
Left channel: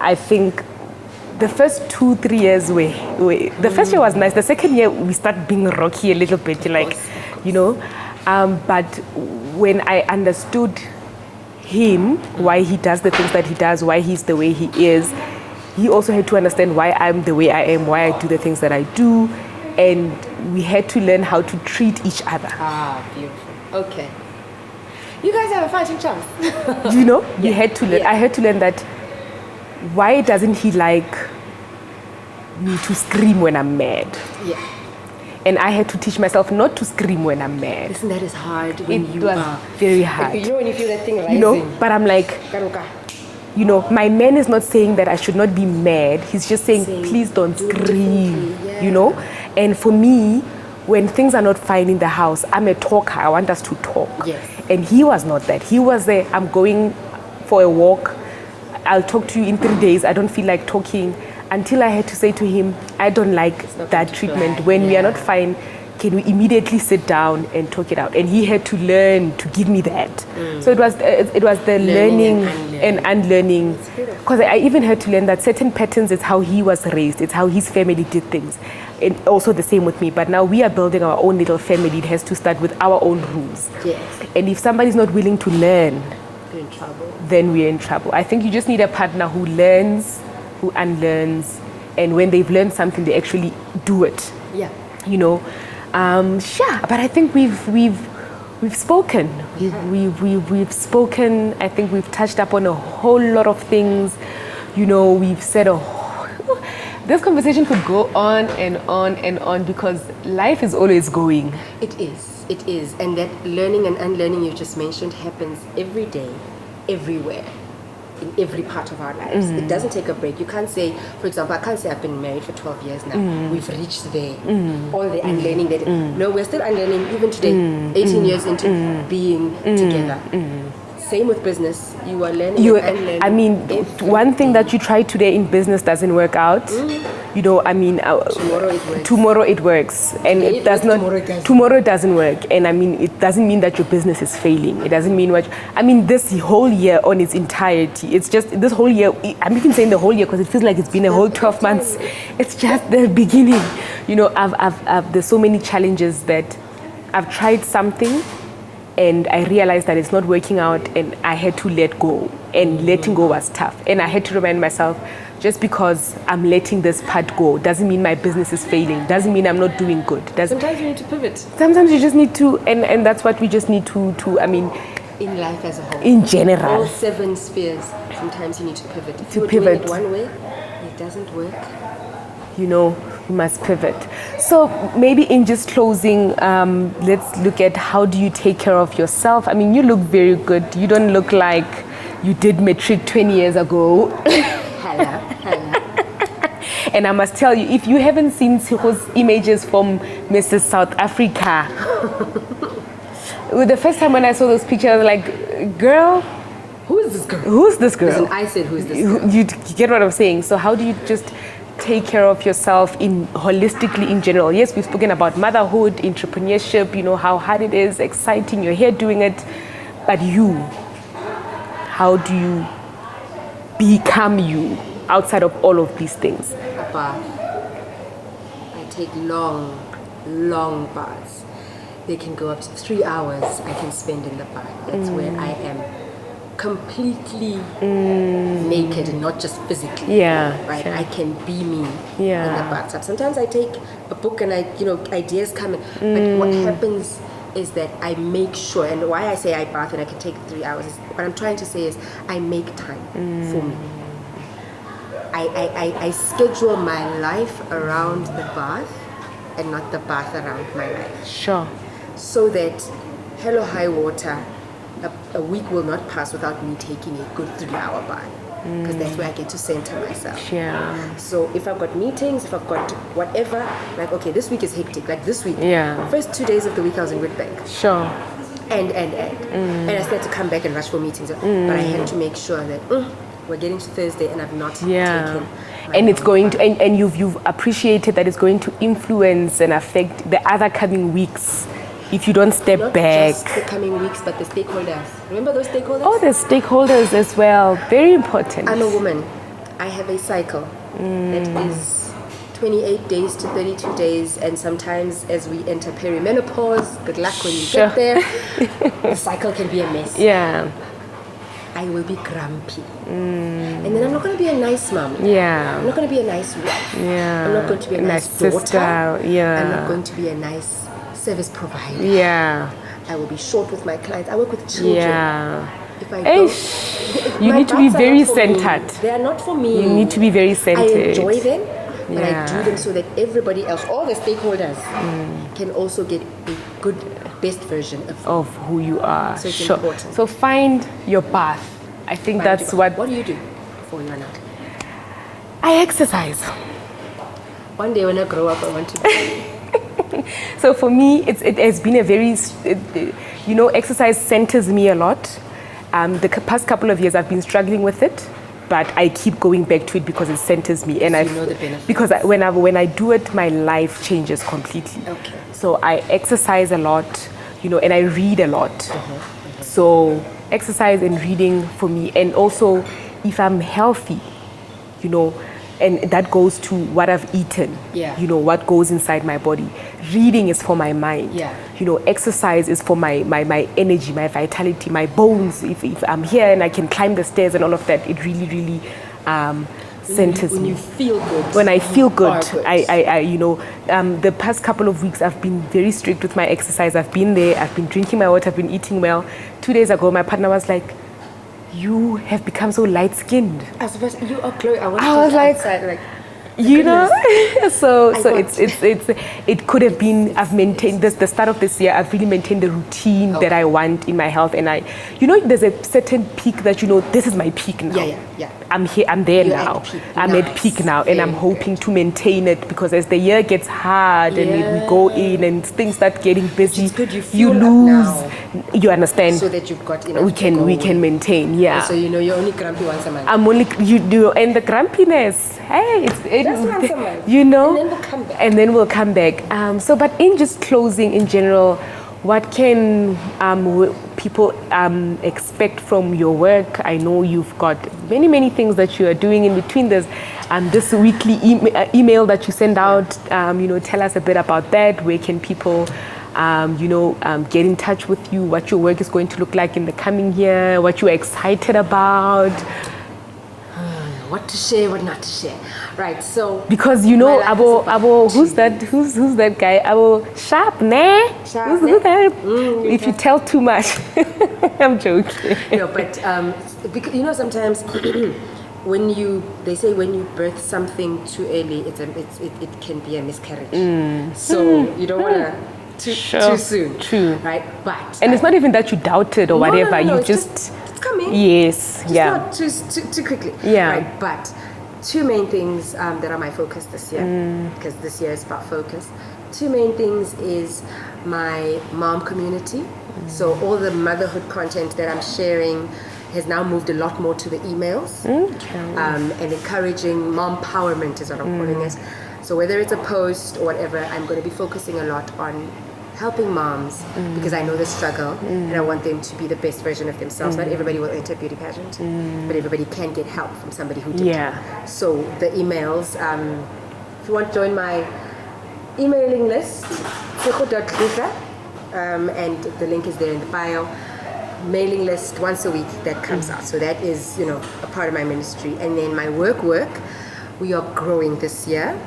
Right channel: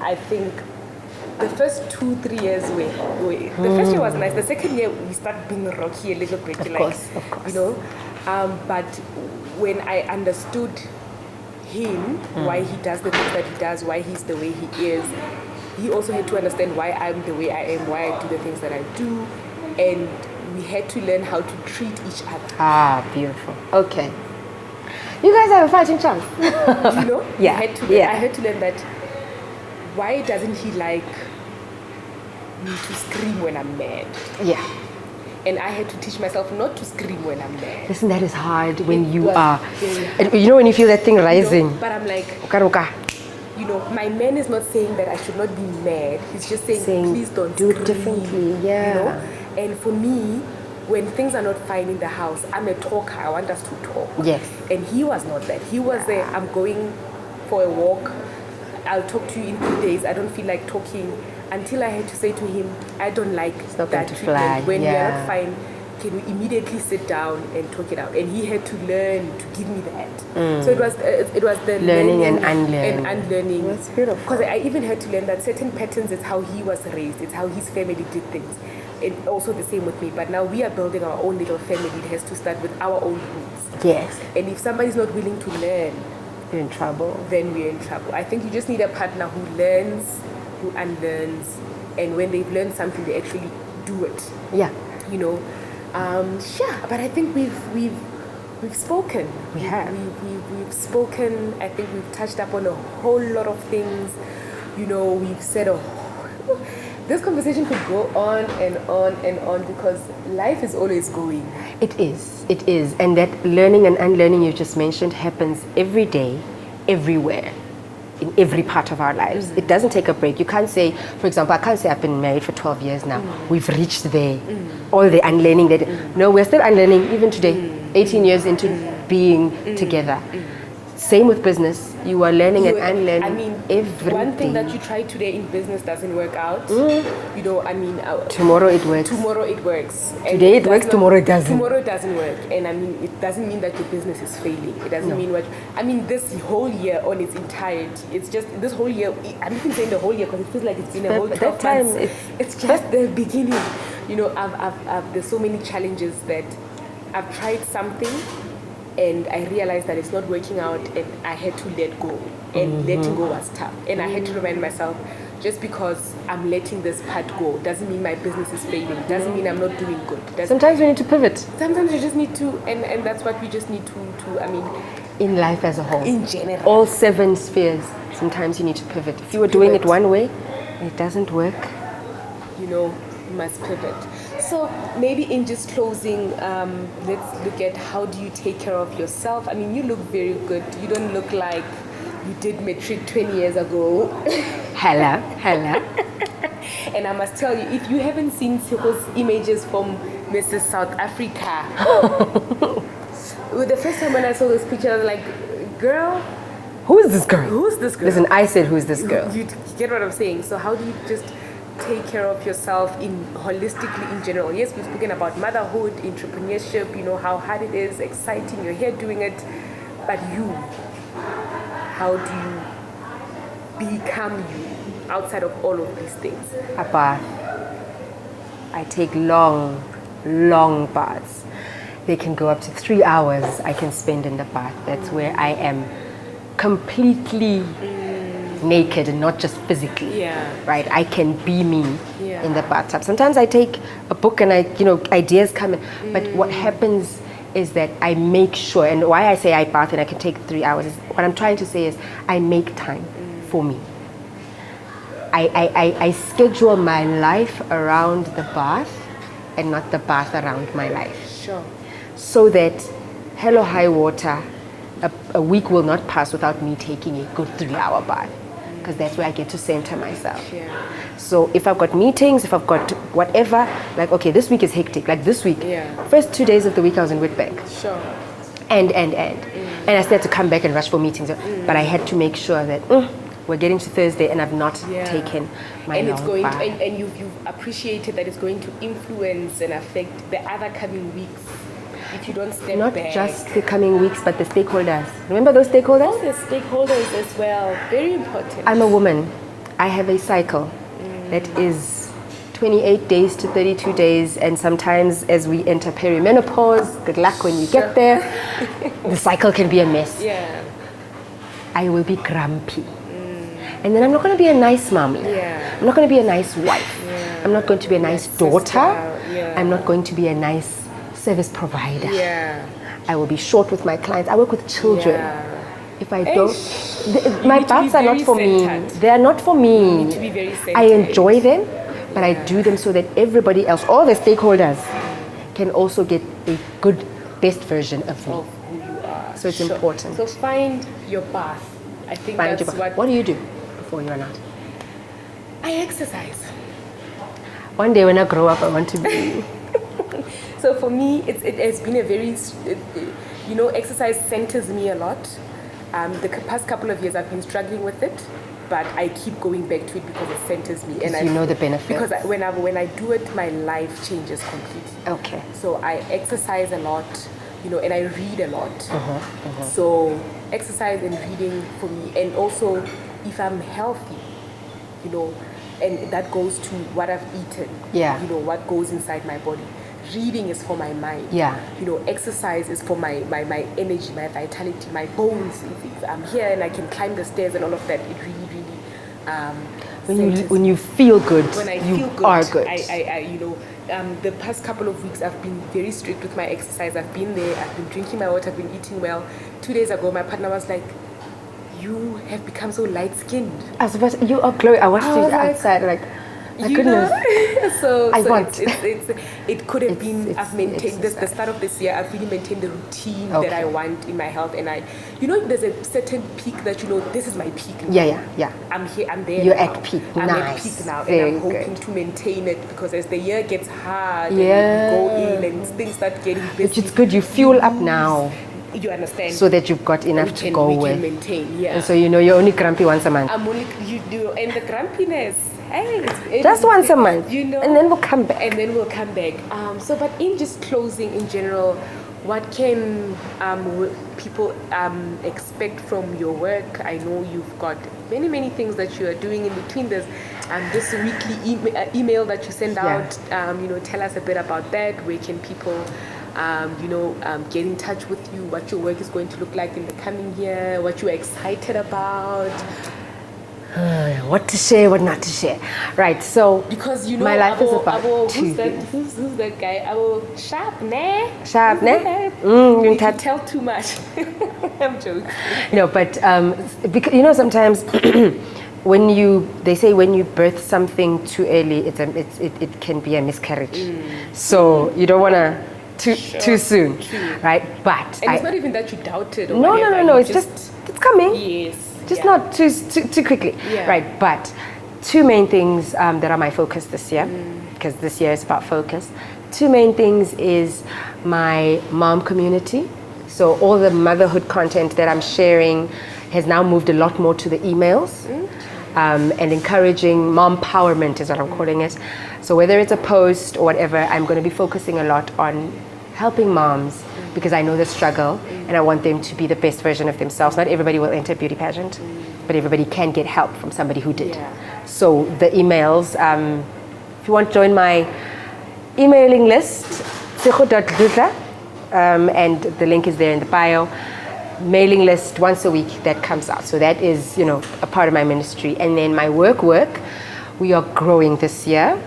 I think the first 2-3 years the first year was nice. The second year we start being rocky a little bit, of course. But when I understood him, why he does the things that he does, why he's the way he is, he also had to understand why I'm the way I am, why I do the things that I do, and we had to learn how to treat each other. Ah, beautiful. Okay. You guys have a fighting chance. We had to learn. I had to learn that. Why doesn't he like me to scream when I'm mad? Yeah. And I had to teach myself not to scream when I'm mad. Listen, that is hard when It you was are very hard. when you feel that thing rising. But I'm like, my man is not saying that I should not be mad. He's just saying please don't scream. And for me, when things are not fine in the house, I'm a talker. I want us to talk. Yes. And he was not that. He was there. I'm going for a walk. I'll talk to you in 3 days. I don't feel like talking. Until I had to say to him, I don't like that treatment. When we are not fine, can we immediately sit down and talk it out? And he had to learn to give me that. So it was the learning and unlearning. Because I even had to learn that certain patterns is how he was raised. It's how his family did things. And also the same with me. But now we are building our own little family. It has to start with our own rules. Yes. And if somebody's not willing to learn, you're in trouble. Then we're in trouble. I think you just need a partner who learns, who unlearns, and when they've learned something, they actually do it. Yeah. But I think we've spoken. We've spoken. I think we've touched up on a whole lot of things. We've said this conversation could go on and on and on because life is always going. It is. And that learning and unlearning you just mentioned happens every day, everywhere, in every part of our lives. It doesn't take a break. You can't say, for example, I can't say I've been married for 12 years now. We've reached there. All the unlearning No, we're still unlearning even today, 18 years into being together. Same with business. You are learning and unlearning. I mean, one thing that you try today in business doesn't work out. You know, I mean, tomorrow it works. Tomorrow it works, and Today it works, tomorrow it doesn't. Tomorrow it doesn't work, and I mean, it doesn't mean that your business is failing. It doesn't mean what. I mean, this whole year on its entirety. It's just this whole year. I'm even saying the whole year because it feels like it's been a whole 12 months. It's just the beginning. You know, there's so many challenges that I've tried something. And I realized that it's not working out, and I had to let go. And letting go was tough. And I had to remind myself, just because I'm letting this part go doesn't mean my business is failing. Doesn't mean I'm not doing good. Sometimes we need to pivot. Sometimes you just need to, and that's what we just need to. I mean, in life as a whole. In general. All 7 spheres. Sometimes you need to pivot. If you were doing it one way, it doesn't work. You know, you must pivot. So maybe in just closing, let's look at how do you take care of yourself. I mean, you look very good. You don't look like you did matric 20 years ago. Hella. And I must tell you, if you haven't seen Tshego's images from Mrs. South Africa, the first time when I saw those pictures, I was like, girl, who is this girl? Who's this girl? Listen, I said, who's this girl? You get what I'm saying? So how do you just take care of yourself holistically in general? Yes, we've spoken about motherhood, entrepreneurship, you know, how hard it is, exciting, you're here doing it. But you, how do you become you outside of all of these things? A bath. I take long baths. They can go up to 3 hours I can spend in the bath. That's where I am completely naked and not just physically. Yeah. Right? I can be me Yeah. in the bathtub. Sometimes I take a book and ideas come in. But what happens is that I make sure, and why I say I bath and I can take 3 hours, is what I'm trying to say is I make time for me. I schedule my life around the bath and not the bath around my life. Sure. So that, hello, high water, a week will not pass without me taking a good 3-hour bath. Because that's where I get to center myself. Yeah. So if I've got meetings, if I've got whatever, like, okay, this week is hectic. Like this week, first 2 days of the week I was in Witbank. Sure. And I still had to come back and rush for meetings. But I had to make sure that we're getting to Thursday and I've not taken my and it's going bath. to, and you've appreciated that it's going to influence and affect the other coming weeks if you don't step Not back. just the coming weeks, but the stakeholders. Remember those stakeholders? Oh, the stakeholders as well. Very important. I'm a woman. I have a cycle that is 28 days to 32 days, and sometimes as we enter perimenopause, good luck when you get there, the cycle can be a mess. Yeah. I will be grumpy. And then I'm not going to be a nice mom. Yeah. I'm not going to be a nice wife. Yeah. I'm not going to be a nice sister. daughter. Yeah. I'm not going to be a nice service provider. Yeah. I will be short with my clients. I work with children. Yeah. If I don't, You need to be baths are very not for me. centered. They are not for me. You need to be very centered. I enjoy them, but I Yeah. do them so that everybody else, all the stakeholders, can also get a good, best version of who you are. So it's important. So find your path. I think Find that's your- what. What do you do before you run out? I exercise. One day when I grow up, I want to be. So for me, it has been a very, exercise centers me a lot. The past couple of years, I've been struggling with it, but I keep going back to it because it centers me, and So you know the benefits. Because when I do it, my life changes completely. Okay. So I exercise a lot, and I read a lot. So exercise and reading for me, and also if I'm healthy, and that goes to what I've eaten, Yeah. what goes inside my body. Reading is for my mind. Yeah. Exercise is for my energy, my vitality, my bones. If I'm here and I can climb the stairs and all of that, it really, really centers When me. you feel good. When I feel good, are good. the past couple of weeks I've been very strict with my exercise. I've been there, I've been drinking my water, I've been eating well. 2 days ago, my partner was like, "You have become so light-skinned." I was supposed you are glowing. I wanted I to was like, outside, like, You know, so I want. it could have been. I've maintained this. The start of this year, I've really maintained the routine that I want in my health, and there's a certain peak that this is my peak now. Yeah. I'm here. I'm there You're now. at peak. I'm at peak now, and I'm hoping to maintain it because as the year gets hard and we go in and things start getting busy, it's good. You fuel up now. You understand? So that you've got enough to go we with. can maintain. Yeah. And so you're only grumpy once a month. I'm only and the grumpiness. Hey, just once a month. And then we'll come back. But in just closing in general, what can people expect from your work? I know you've got many things that you are doing in between this weekly email that you send out. Tell us a bit about that. Where can people get in touch with you? What your work is going to look like in the coming year? What you're excited about? What to share, what not to share. Right, so because who's that guy? Sharp, ne? Sharp, ne? If you tell too much, I'm joking. No, but because sometimes they say when you birth something too early, it can be a miscarriage. So you don't want to too soon. True. Right, but it's not even that you doubted or whatever. No, you it's just coming. Yes. Just not too quickly. Yeah. Right. But two main things that are my focus this year, because this year is about focus. Two main things is my mom community. So all the motherhood content that I'm sharing has now moved a lot more to the emails, and encouraging mom empowerment is what I'm calling it. So whether it's a post or whatever, I'm going to be focusing a lot on helping moms because I know the struggle and I want them to be the best version of themselves. Not everybody will enter a beauty pageant, but everybody can get help from somebody who did. Yeah. So the emails, if you want to join my emailing list, Tshego Dludla, and the link is there in the bio. Mailing list once a week that comes out. So that is, a part of my ministry. And then my work, we are growing this year.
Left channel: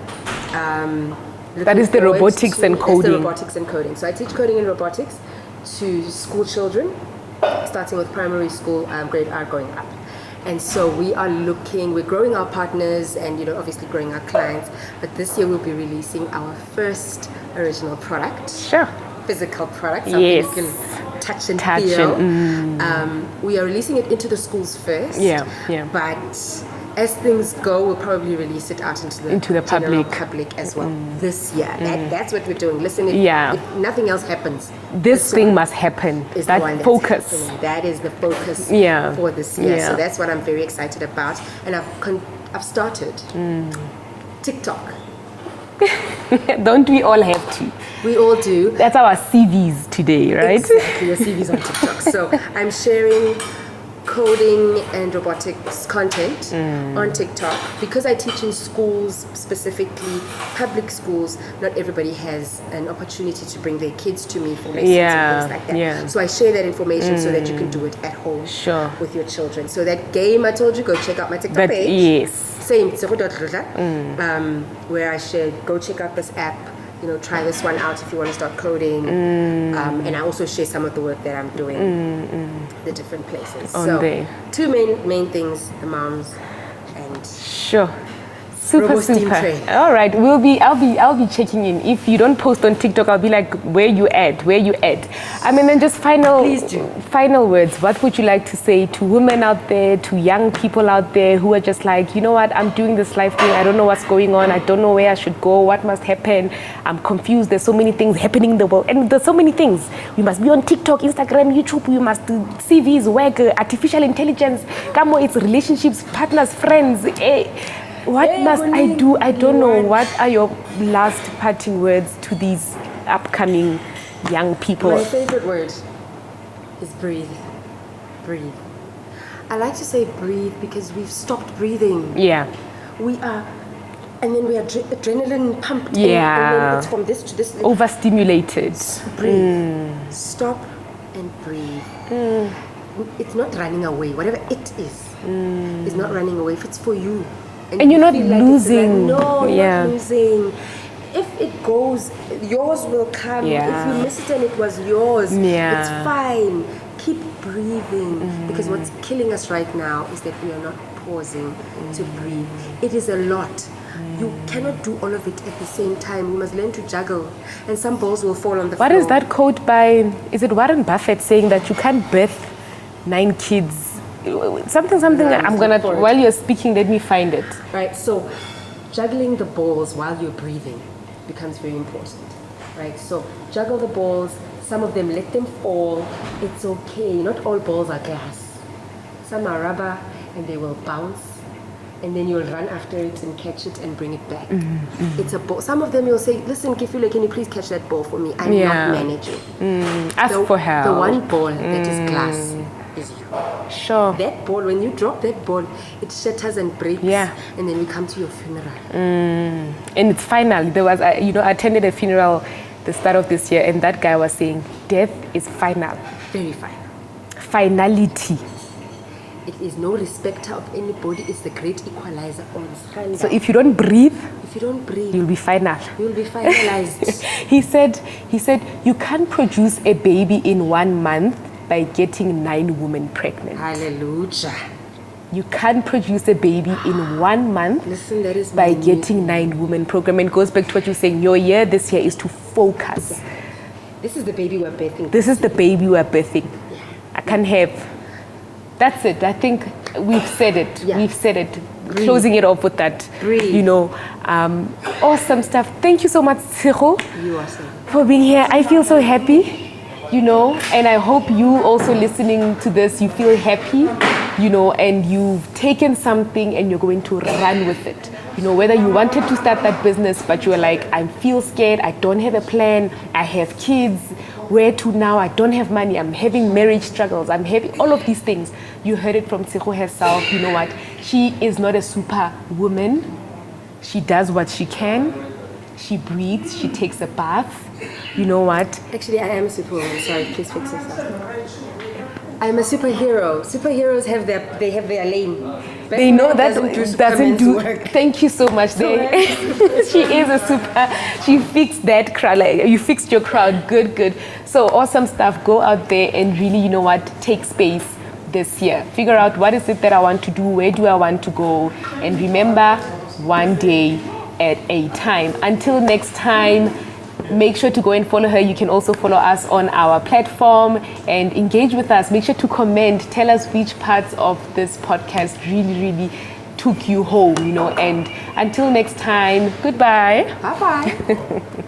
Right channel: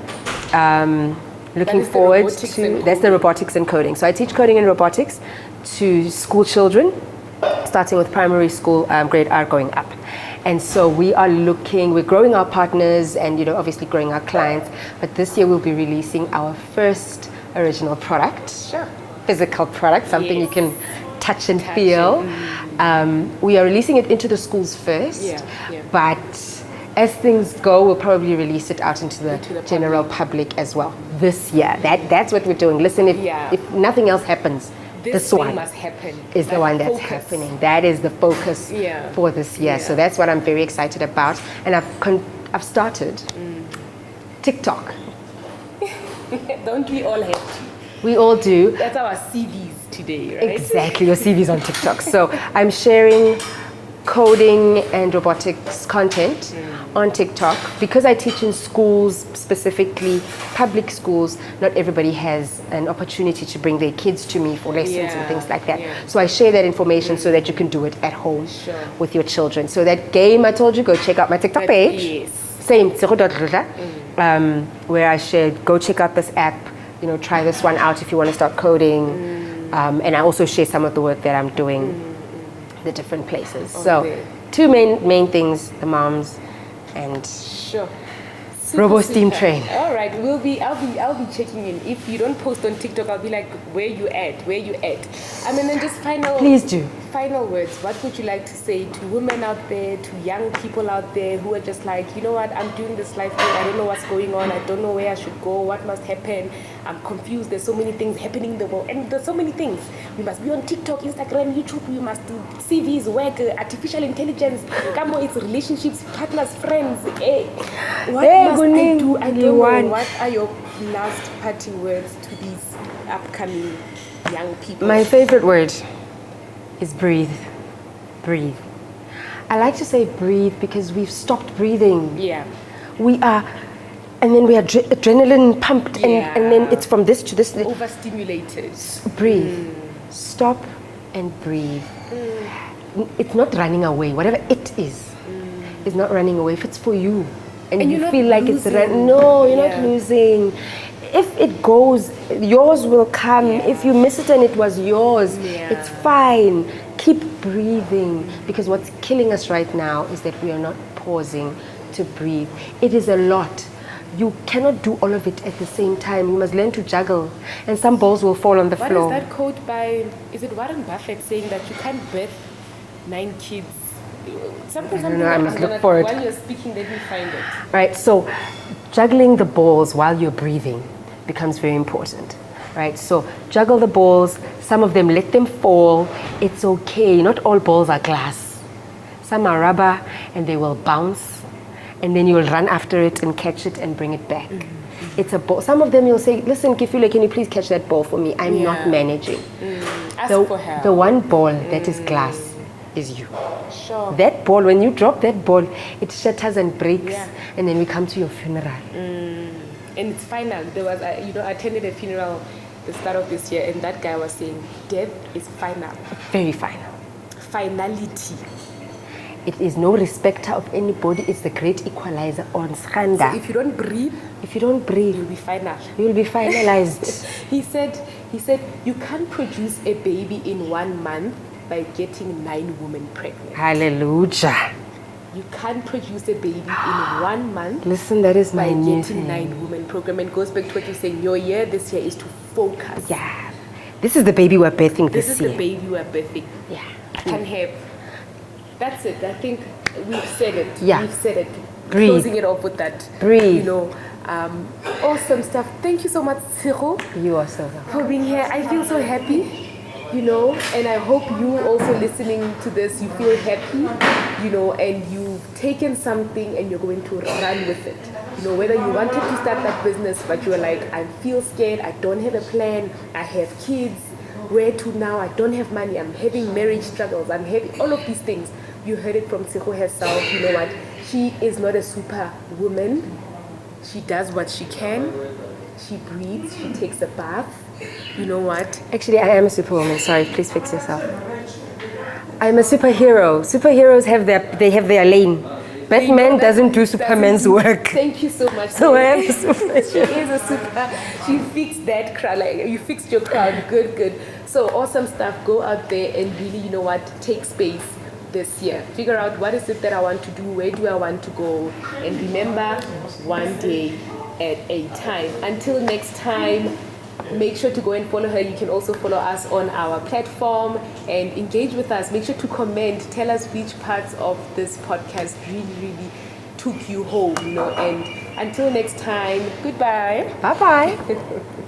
That is the robotics and coding. That's the robotics and coding. So I teach coding and robotics to school children, starting with primary school, grade R going up. And so we're growing our partners and, obviously growing our clients. But this year we'll be releasing our first original product. Sure. Physical product, something you can touch and feel. We are releasing it into the schools first. Yeah. But as things go, we'll probably release it out into the general public as well this year. That's what we're doing. Listen, if nothing else happens, this thing must happen. Is the one that's focus. happening. That is the focus for this year. So that's what I'm very excited about. And I've started TikTok. Don't we all have to? We all do. That's our CVs today, right? Exactly, the CVs on TikTok. So I'm sharing coding and robotics content on TikTok because I teach in schools, specifically public schools. Not everybody has an opportunity to bring their kids to me for lessons and things like that. Yeah. So I share that information so that you can do it at home with your children. So that game I told you, go check out my TikTok page. Yes. Same, Tshego Dludla, where I shared, go check out this app, try this one out if you want to start coding. And I also share some of the work that I'm doing the different places. So two main things, the moms and Super. Train. All right, I'll be checking in. If you don't post on TikTok, I'll be like, where you at? And then just Please do. Final words. What would you like to say to women out there, to young people out there who are just like, you know what, I'm doing this life thing. I don't know what's going on. I don't know where I should go. What must happen? I'm confused. There's so many things happening in the world. And there's so many things. We must be on TikTok, Instagram, YouTube. We must do CVs, work, artificial intelligence. Come on, it's relationships, partners, friends. What must I do? I don't know. What are your last parting words to these upcoming young people? My favorite word is breathe. Breathe. I like to say breathe because we've stopped breathing. Yeah. We are, and then we are adrenaline pumped in, and then it's from this to this. Overstimulated. Breathe. Stop and breathe. It's not running away. Whatever it is not running away. If it's for you. And you're not losing. No, you're not losing. If it goes, yours will come. If you miss it and it was yours, it's fine. Keep breathing. Because what's killing us right now is that we are not pausing to breathe. It is a lot. You cannot do all of it at the same time. You must learn to juggle. And some balls will fall on the floor. What is that quote by, is it Warren Buffett saying that you can't birth 9 kids? Something. I'm going to, while you're speaking, let me find it. Right, so juggling the balls while you're breathing becomes very important. Right, so juggle the balls. Some of them, let them fall. It's okay. Not all balls are glass. Some are rubber and they will bounce. And then you'll run after it and catch it and bring it back. It's a ball. Some of them you'll say, listen, Kifule, can you please catch that ball for me? I'm not managing. Ask for help. The one ball that is glass is you. Sure. That ball, when you drop that ball, it shatters and breaks. Yeah. And then we come to your funeral. And it's final. There was, I attended a funeral the start of this year, and that guy was saying, death is final. Very final. Finality. It is no respecter of anybody. It's the great equalizer on Schanda. So if you don't breathe, you'll be final. You'll be finalized. He said, you can't produce a baby in 1 month by getting 9 women pregnant. Hallelujah. You can't produce a baby in 1 month. Listen, that is by my getting 9 women program. And it goes back to what you're saying. Your year this year is to focus. Yeah. This is the baby we're birthing. This is the baby we're birthing. Yeah. I can have. That's it. I think we've said it. Yeah. We've said it. Breathe. Closing it off with that. Breathe. Awesome stuff. Thank you so much, Tshego, You are so for being here. I feel so happy, and I hope you also listening to this, you feel happy, and you've taken something and you're going to run with it. Whether you wanted to start that business, but you were like, I feel scared, I don't have a plan, I have kids, where to now, I don't have money, I'm having marriage struggles, I'm having all of these things. You heard it from Tshego herself. You know what? She is not a superwoman. She does what she can. She breathes, she takes a bath. You know what? Actually, I am a superwoman. Sorry, please fix yourself. I'm a superhero. Superheroes have their lane. Batman doesn't do Superman's work. Thank you so much. She is a super. She fixed that crowd. Like, you fixed your crowd. Good. So awesome stuff. Go out there and really, take space this year. Figure out what is it that I want to do. Where do I want to go? And remember, one day at a time. Until next time. Make sure to go and follow her. You can also follow us on our platform and engage with us. Make sure to comment. Tell us which parts of this podcast really took you home, And until next time, goodbye. Bye-bye.